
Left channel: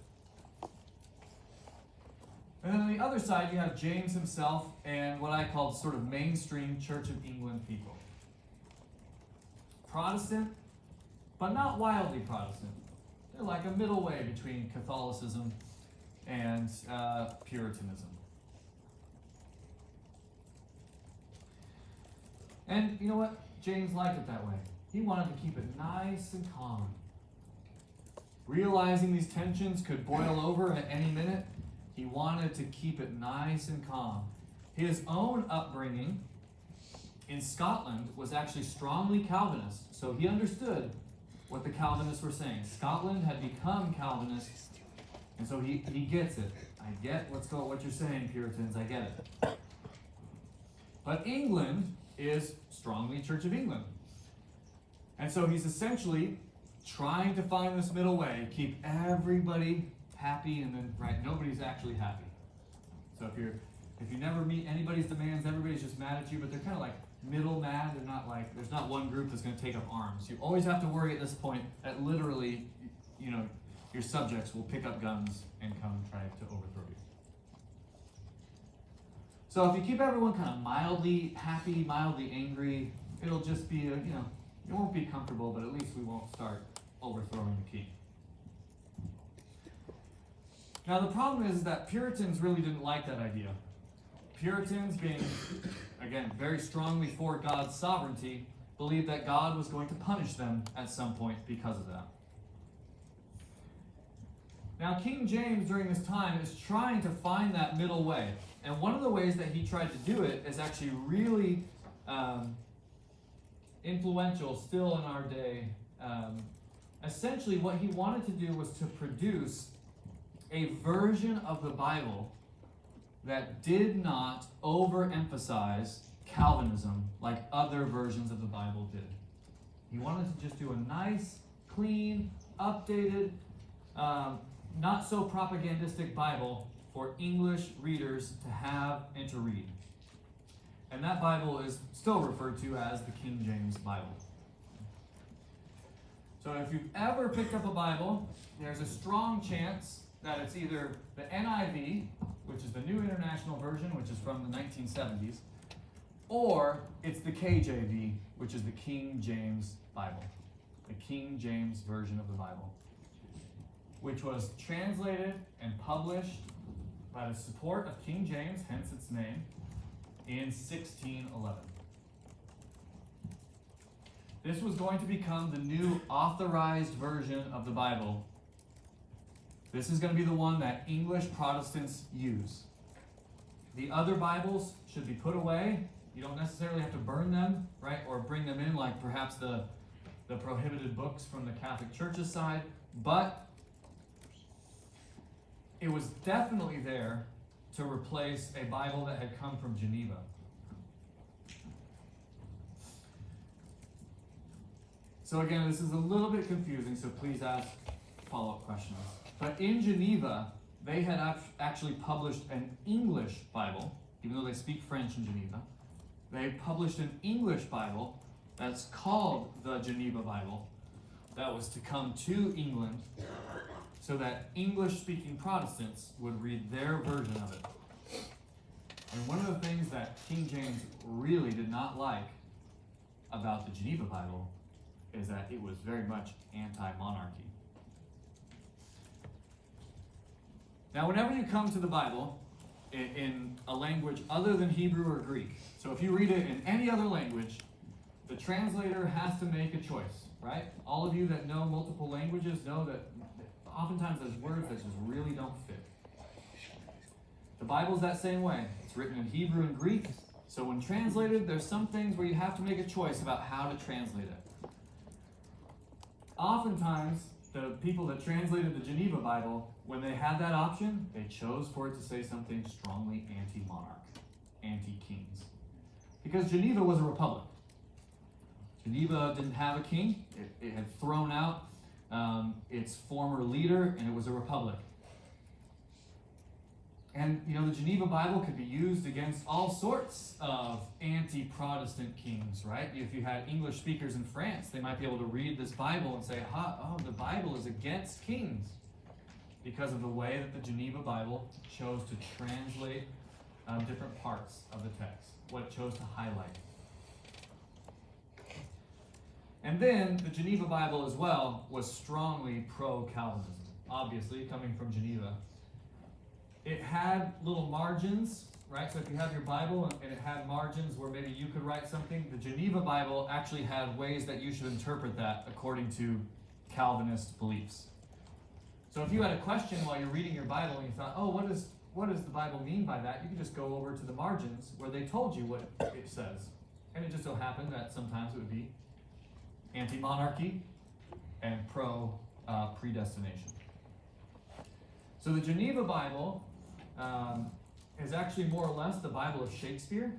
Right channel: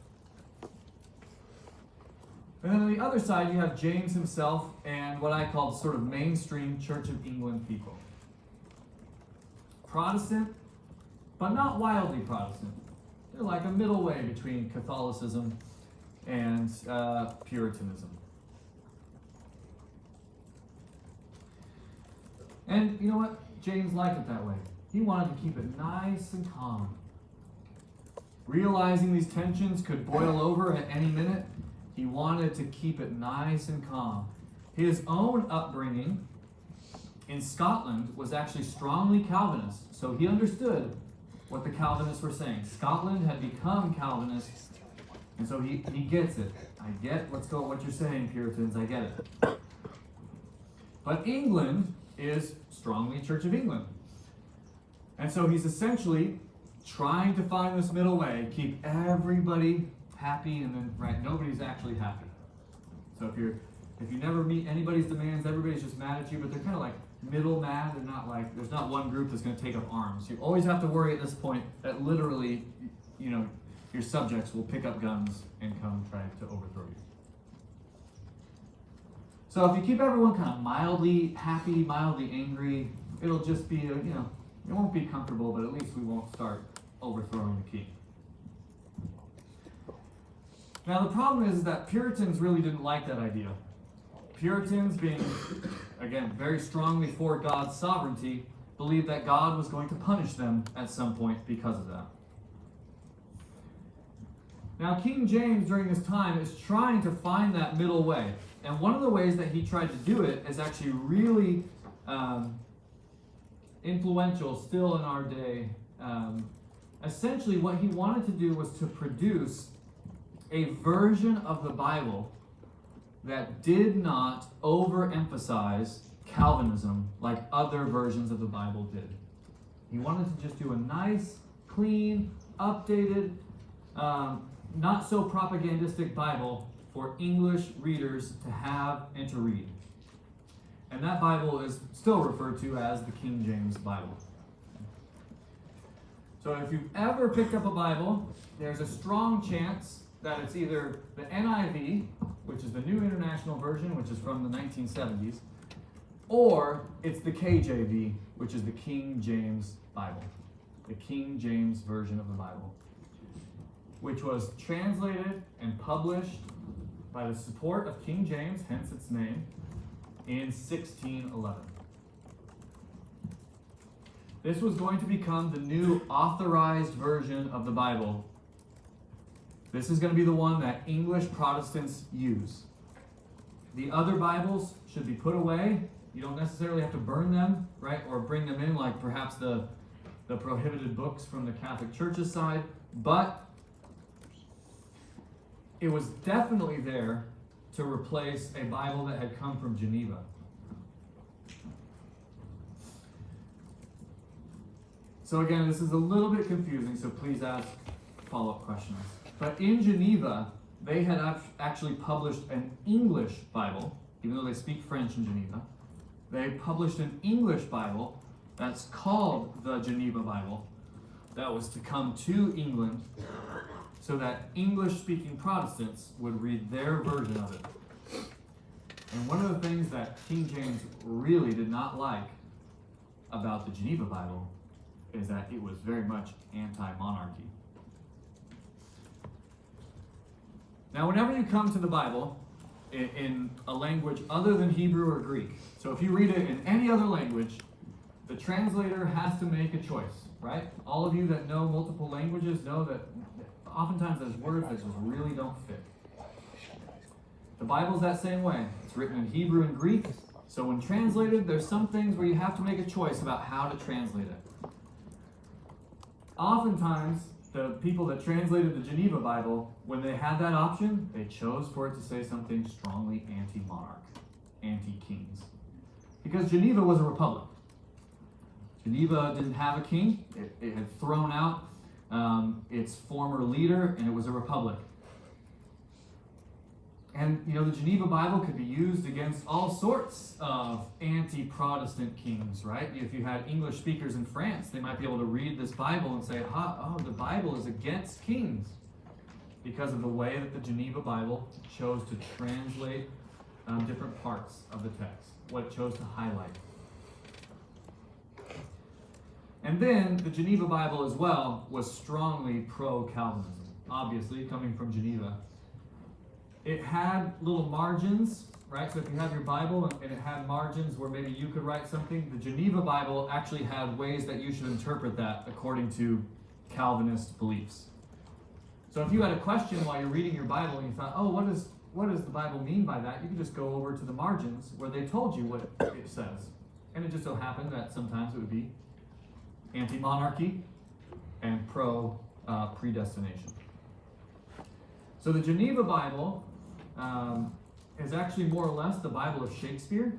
And then on the other side, you have James himself and what I call sort of mainstream Church of England people. Protestant, but not wildly Protestant. They're like a middle way between Catholicism and Puritanism. And you know what? James liked it that way. He wanted to keep it nice and calm. Realizing these tensions could boil over at any minute, he wanted to keep it nice and calm. His own upbringing in Scotland was actually strongly Calvinist, so he understood what the Calvinists were saying. Scotland had become Calvinist, and so he gets it. I get what you're saying, Puritans, I get it. But England is strongly Church of England. And so he's essentially trying to find this middle way, keep everybody happy, and then, right, nobody's actually happy. So if you never meet anybody's demands, everybody's just mad at you, but they're kind of like middle mad. They're not like, there's not one group that's going to take up arms. You always have to worry at this point that literally, your subjects will pick up guns and come try to overthrow you. So if you keep everyone kind of mildly happy, mildly angry, it'll just be, it won't be comfortable, but at least we won't start overthrowing the king. Now the problem is that Puritans really didn't like that idea. Puritans, being, again, very strongly for God's sovereignty, believed that God was going to punish them at some point because of that. Now King James during this time is trying to find that middle way. And one of the ways that he tried to do it is actually really influential still in our day. Essentially what he wanted to do was to produce a version of the Bible that did not overemphasize Calvinism like other versions of the Bible did. He wanted to just do a nice, clean, updated, not so propagandistic Bible for English readers to have and to read. And that Bible is still referred to as the King James Bible. So if you've ever picked up a Bible, there's a strong chance that it's either the NIV, which is the New International Version, which is from the 1970s, or it's the KJV, which is the King James Bible, the King James Version of the Bible, which was translated and published by the support of King James, hence its name, in 1611. This was going to become the new authorized version of the Bible. This is going to be the one that English Protestants use. The other Bibles should be put away. You don't necessarily have to burn them, right? Or bring them in like perhaps the prohibited books from the Catholic Church's side. But it was definitely there to replace a Bible that had come from Geneva. So again, this is a little bit confusing, so please ask follow-up questions. But in Geneva, they had actually published an English Bible, even though they speak French in Geneva. They published an English Bible that's called the Geneva Bible that was to come to England so that English-speaking Protestants would read their version of it. And one of the things that King James really did not like about the Geneva Bible is that it was very much anti-monarchy. Now, whenever you come to the Bible in a language other than Hebrew or Greek, so if you read it in any other language, the translator has to make a choice, right? All of you that know multiple languages know that oftentimes there's words that just really don't fit. The Bible's that same way. It's written in Hebrew and Greek, so when translated, there's some things where you have to make a choice about how to translate it. Oftentimes, the people that translated the Geneva Bible, when they had that option, they chose for it to say something strongly anti-monarch, anti-kings. Because Geneva was a republic. Geneva didn't have a king. It had thrown out its former leader, and it was a republic. And, the Geneva Bible could be used against all sorts of anti-Protestant kings, right? If you had English speakers in France, they might be able to read this Bible and say, the Bible is against kings, because of the way that the Geneva Bible chose to translate different parts of the text, what it chose to highlight. And then the Geneva Bible as well was strongly pro-Calvinism, obviously coming from Geneva. It had little margins, right? So if you have your Bible and it had margins where maybe you could write something, the Geneva Bible actually had ways that you should interpret that according to Calvinist beliefs. So if you had a question while you're reading your Bible and you thought, what does the Bible mean by that? You could just go over to the margins where they told you what it says. And it just so happened that sometimes it would be anti-monarchy and pro-predestination. So the Geneva Bible is actually more or less the Bible of Shakespeare.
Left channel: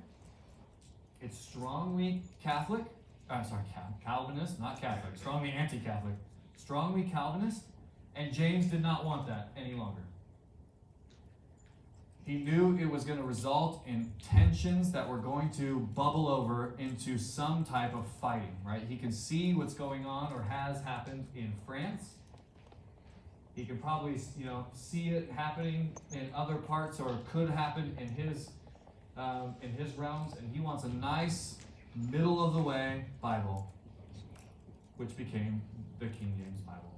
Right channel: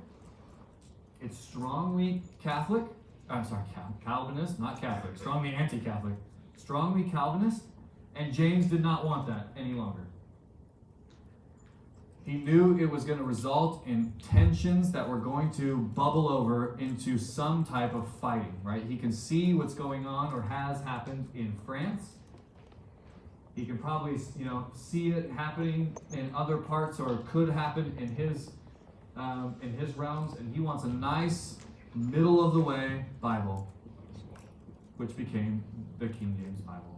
It's strongly Catholic. I'm sorry, Calvinist, not Catholic. Strongly anti-Catholic. Strongly Calvinist. And James did not want that any longer. He knew it was going to result in tensions that were going to bubble over into some type of fighting, right? He can see what's going on or has happened in France. He can probably, see it happening in other parts, or could happen in his realms, and he wants a nice middle of the way Bible, which became the King James Bible,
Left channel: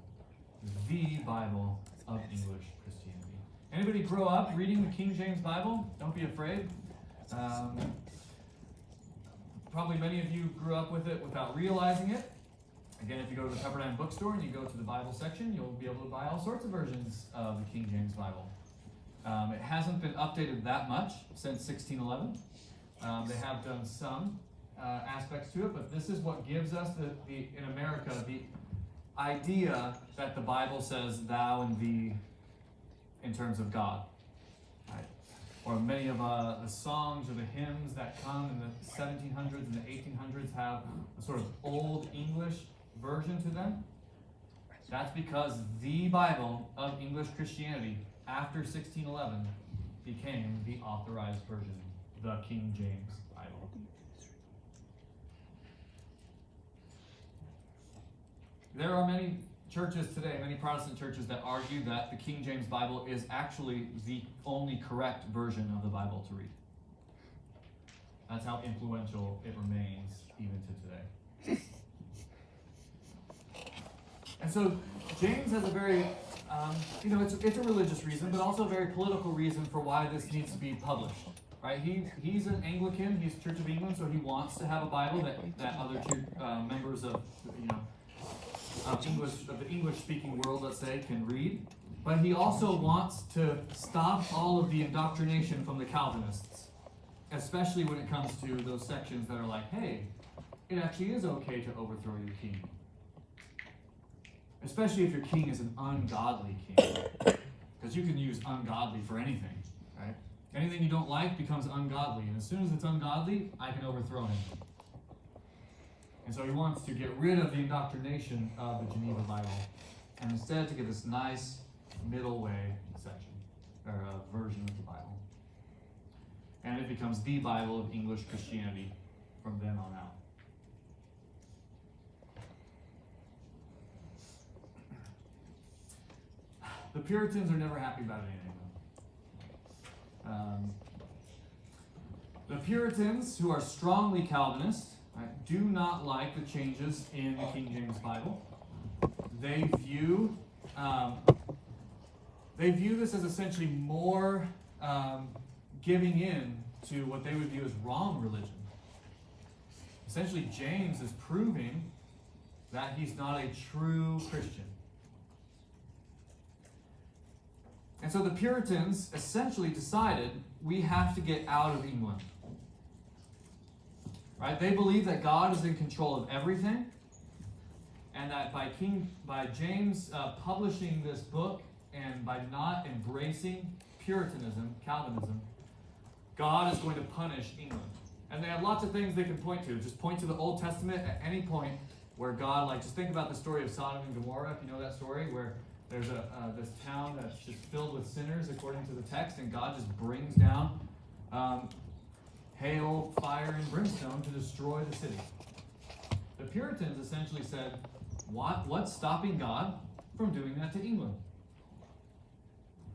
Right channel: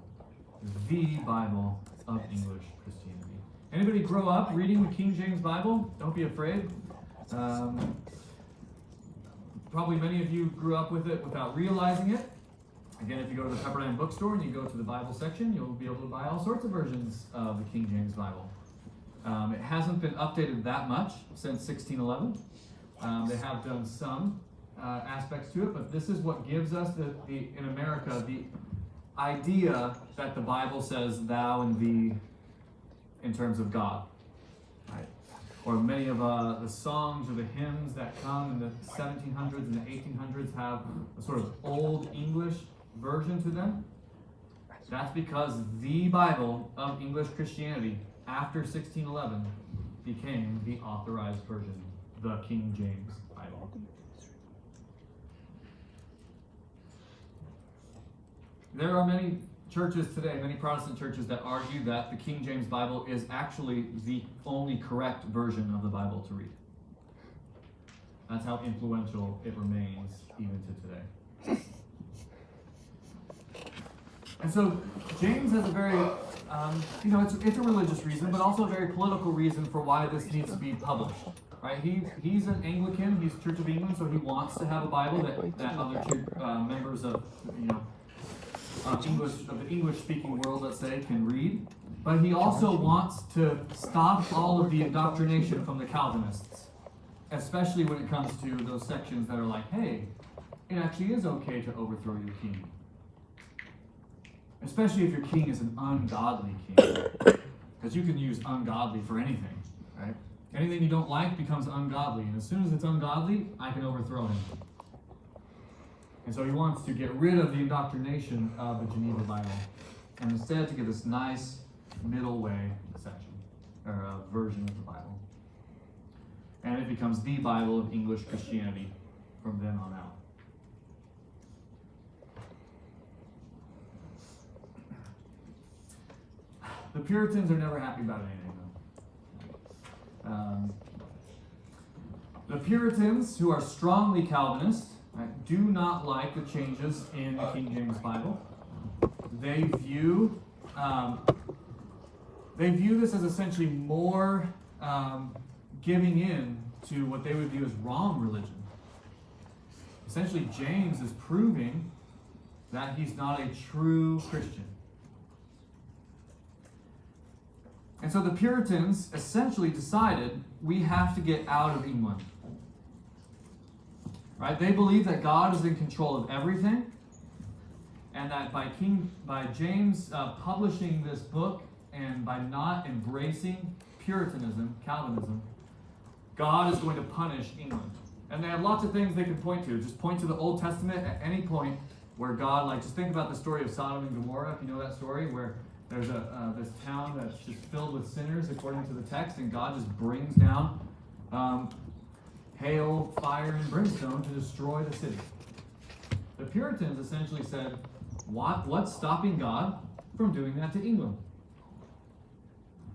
the Bible of English Christianity. Anybody grow up reading the King James Bible? Don't be afraid. Probably many of you grew up with it without realizing it. Again, if you go to the Pepperdine bookstore and you go to the Bible section, you'll be able to buy all sorts of versions of the King James Bible. It hasn't been updated that much since 1611. They have done some aspects to it, but this is what gives us in America the idea that the Bible says thou and thee in terms of God, right? Or many of the songs or the hymns that come in the 1700s and the 1800s have a sort of old English version to them. That's because the Bible of English Christianity after 1611 became the authorized version, the King James Bible. There are many churches today, many Protestant churches, that argue that the King James Bible is actually the only correct version of the Bible to read. That's how influential it remains even to today. And so James has a very, it's a religious reason, but also a very political reason for why this needs to be published. Right? He's an Anglican. He's Church of England, so he wants to have a Bible that other members of the English-speaking world, let's say, can read. But he also wants to stop all of the indoctrination from the Calvinists, especially when it comes to those sections that are like, hey, it actually is okay to overthrow your king. Especially if your king is an ungodly king. Because you can use ungodly for anything, right? Anything you don't like becomes ungodly. And as soon as it's ungodly, I can overthrow him. And so he wants to get rid of the indoctrination of the Geneva Bible, and instead to give this nice middle way section, or version of the Bible. And it becomes the Bible of English Christianity from then on out. The Puritans are never happy about anything. The Puritans, who are strongly Calvinist, do not like the changes in the King James Bible. They view this as essentially more giving in to what they would view as wrong religion. Essentially, James is proving that he's not a true Christian. And so the Puritans essentially decided we have to get out of England. Right? They believe that God is in control of everything, and that by James publishing this book and by not embracing Puritanism, Calvinism, God is going to punish England. And they have lots of things they can point to. Just point to the Old Testament at any point where God, just think about the story of Sodom and Gomorrah, if you know that story, where there's this town that's just filled with sinners according to the text, and God just brings down hail, fire, and brimstone to destroy the city. The Puritans essentially said, what's stopping God from doing that to England?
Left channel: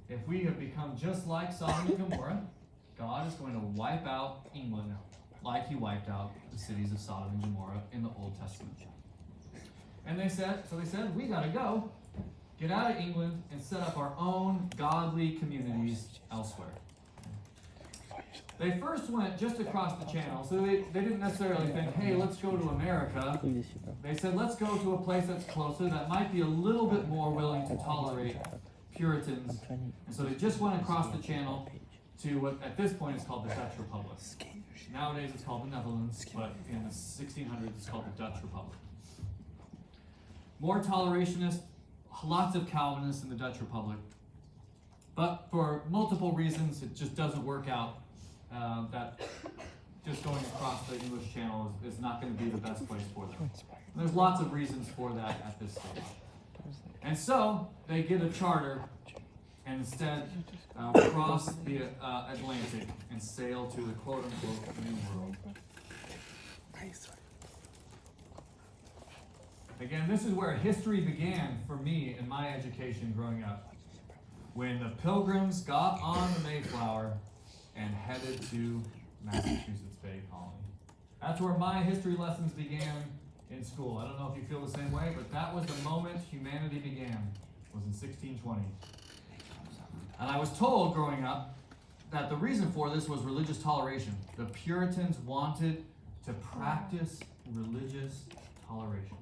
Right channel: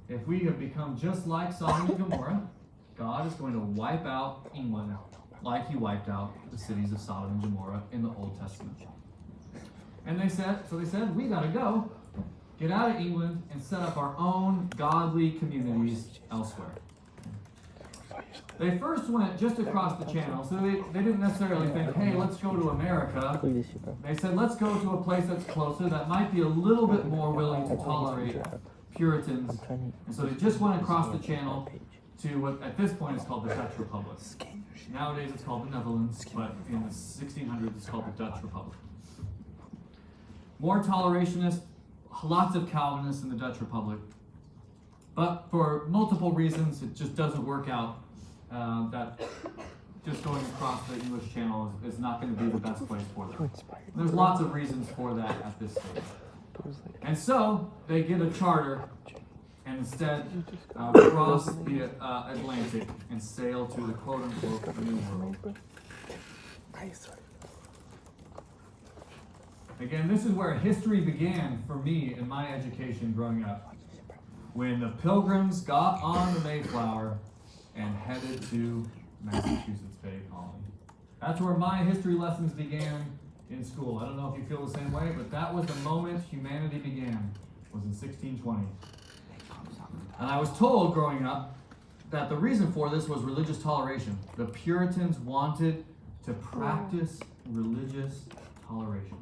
If we have become just like Sodom and Gomorrah, God is going to wipe out England like he wiped out the cities of Sodom and Gomorrah in the Old Testament. And they said, we gotta go, get out of England, and set up our own godly communities elsewhere. They first went just across the channel, so they didn't necessarily think, hey, let's go to America. They said, let's go to a place that's closer, that might be a little bit more willing to tolerate Puritans. And so they just went across the channel to what at this point is called the Dutch Republic. Nowadays it's called the Netherlands, but in the 1600s it's called the Dutch Republic. More tolerationist, lots of Calvinists in the Dutch Republic. But for multiple reasons, it just doesn't work out. That just going across the English Channel is not going to be the best place for them. There's lots of reasons for that at this stage. And so they get a charter and instead cross the Atlantic and sail to the quote-unquote New World. Again, this is where history began for me in my education growing up. When the Pilgrims got on the Mayflower and headed to Massachusetts Bay Colony. That's where my history lessons began in school. I don't know if you feel the same way, but that was the moment humanity began, was in 1620. And I was told growing up that the reason for this was religious toleration. The Puritans wanted to practice religious toleration.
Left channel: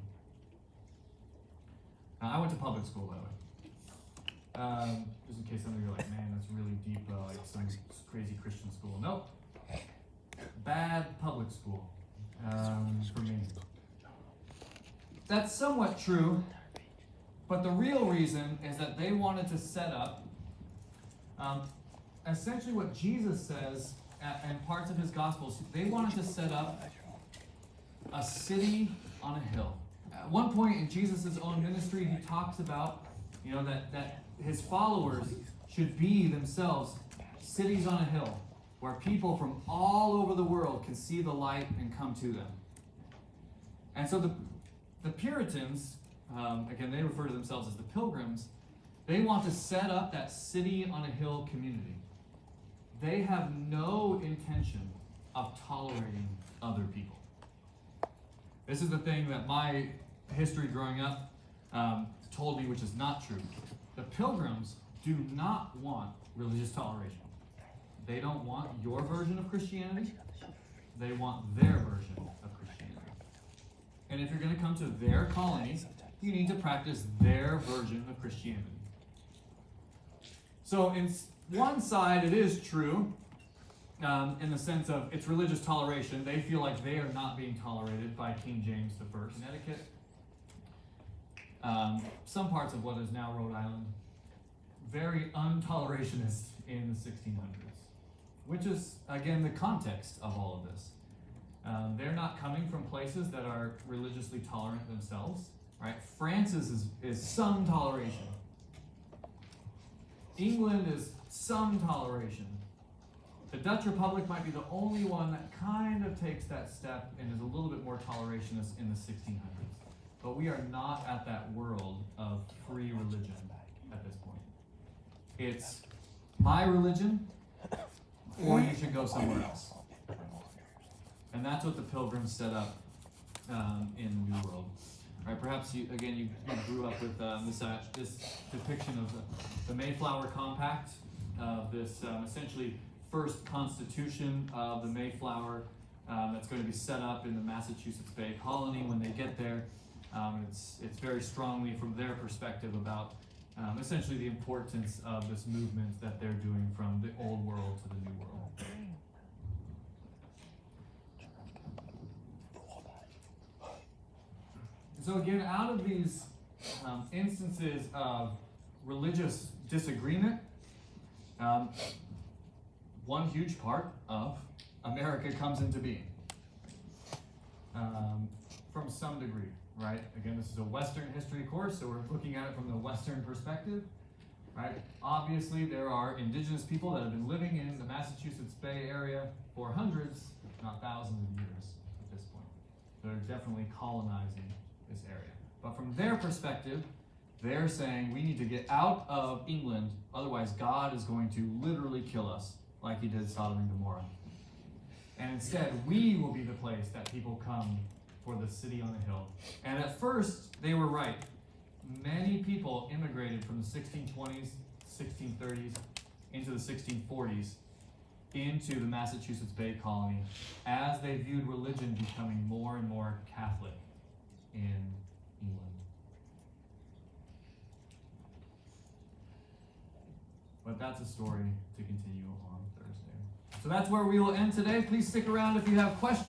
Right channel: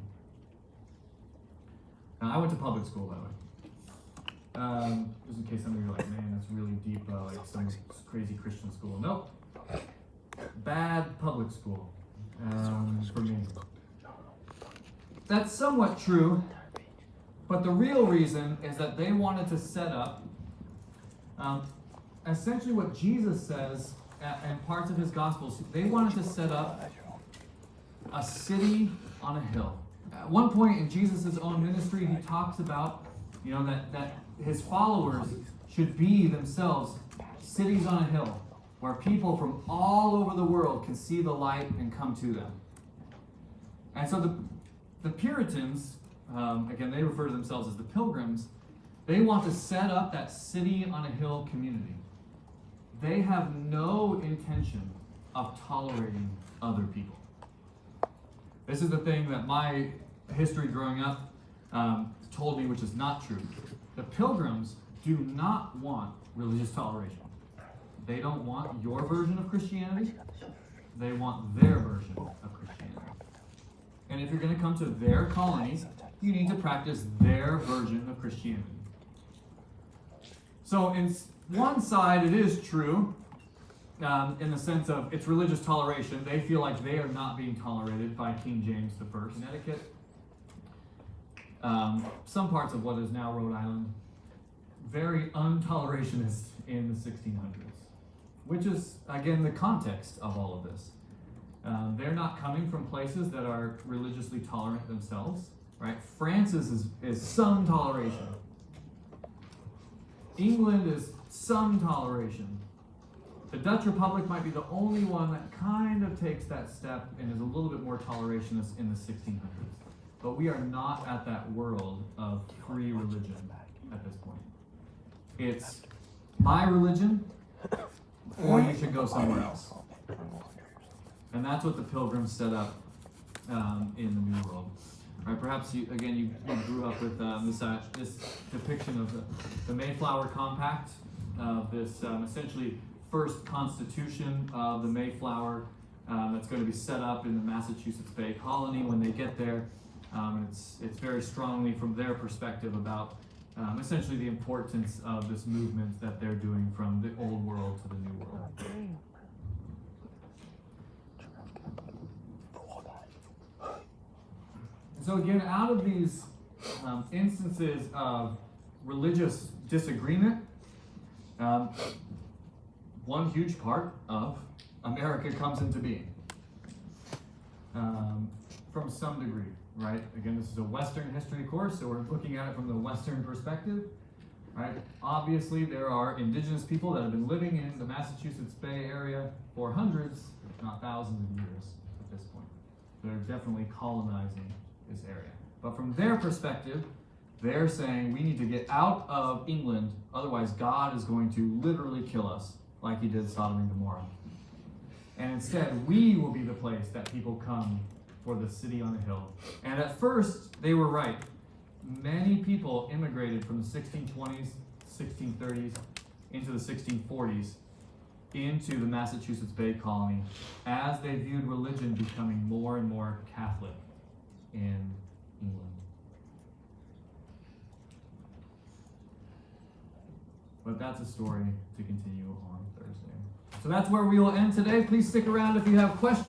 Now, I went to public school, by the way. Just in case some of you are like, man, that's really deep, like some crazy Christian school. Nope. Bad public school for me. That's somewhat true, but the real reason is that they wanted to set up essentially what Jesus says in parts of his Gospels. They wanted to set up a city on a hill. At one point in Jesus' own ministry, he talks about, that his followers should be themselves cities on a hill where people from all over the world can see the light and come to them. And so the Puritans, again, they refer to themselves as the Pilgrims, they want to set up that city on a hill community. They have no intention of tolerating other people. This is the thing that my history growing up told me, which is not true. The Pilgrims do not want religious toleration. They don't want your version of Christianity. They want their version of Christianity. And if you're going to come to their colony, you need to practice their version of Christianity. So in one side, it is true, in the sense of it's religious toleration. They feel like they are not being tolerated by King James I. Connecticut, some parts of what is now Rhode Island, very untolerationist in the 1600s, which is, again, the context of all of this. They're not coming from places that are religiously tolerant themselves, right? France is some toleration. England is some toleration. The Dutch Republic might be the only one that kind of takes that step and is a little bit more tolerationist in the 1600s. But we are not at that world of free religion at this point. It's my religion, or you should go somewhere else. And that's what the Pilgrims set up in the New World. Right, perhaps you grew up with this depiction of the Mayflower Compact, this essentially first constitution of the Mayflower that's going to be set up in the Massachusetts Bay Colony when they get there. It's very strongly from their perspective about essentially the importance of this movement that they're doing from the old world to the new world. So again, out of these instances of religious disagreement, one huge part of America comes into being from some degree, right? Again, this is a Western history course, so we're looking at it from the Western perspective, right? Obviously, there are indigenous people that have been living in the Massachusetts Bay Area for hundreds, if not thousands of years at this point. They're definitely colonizing this area. But from their perspective, they're saying we need to get out of England, otherwise God is going to literally kill us, like he did Sodom and Gomorrah. And instead, we will be the place that people come for the city on a hill. And at first, they were right. Many people immigrated from the 1620s, 1630s, into the 1640s, into the Massachusetts Bay Colony, as they viewed religion becoming more and more Catholic in England. But that's a story to continue on Thursday. So that's where we will end today. Please stick around if you have questions.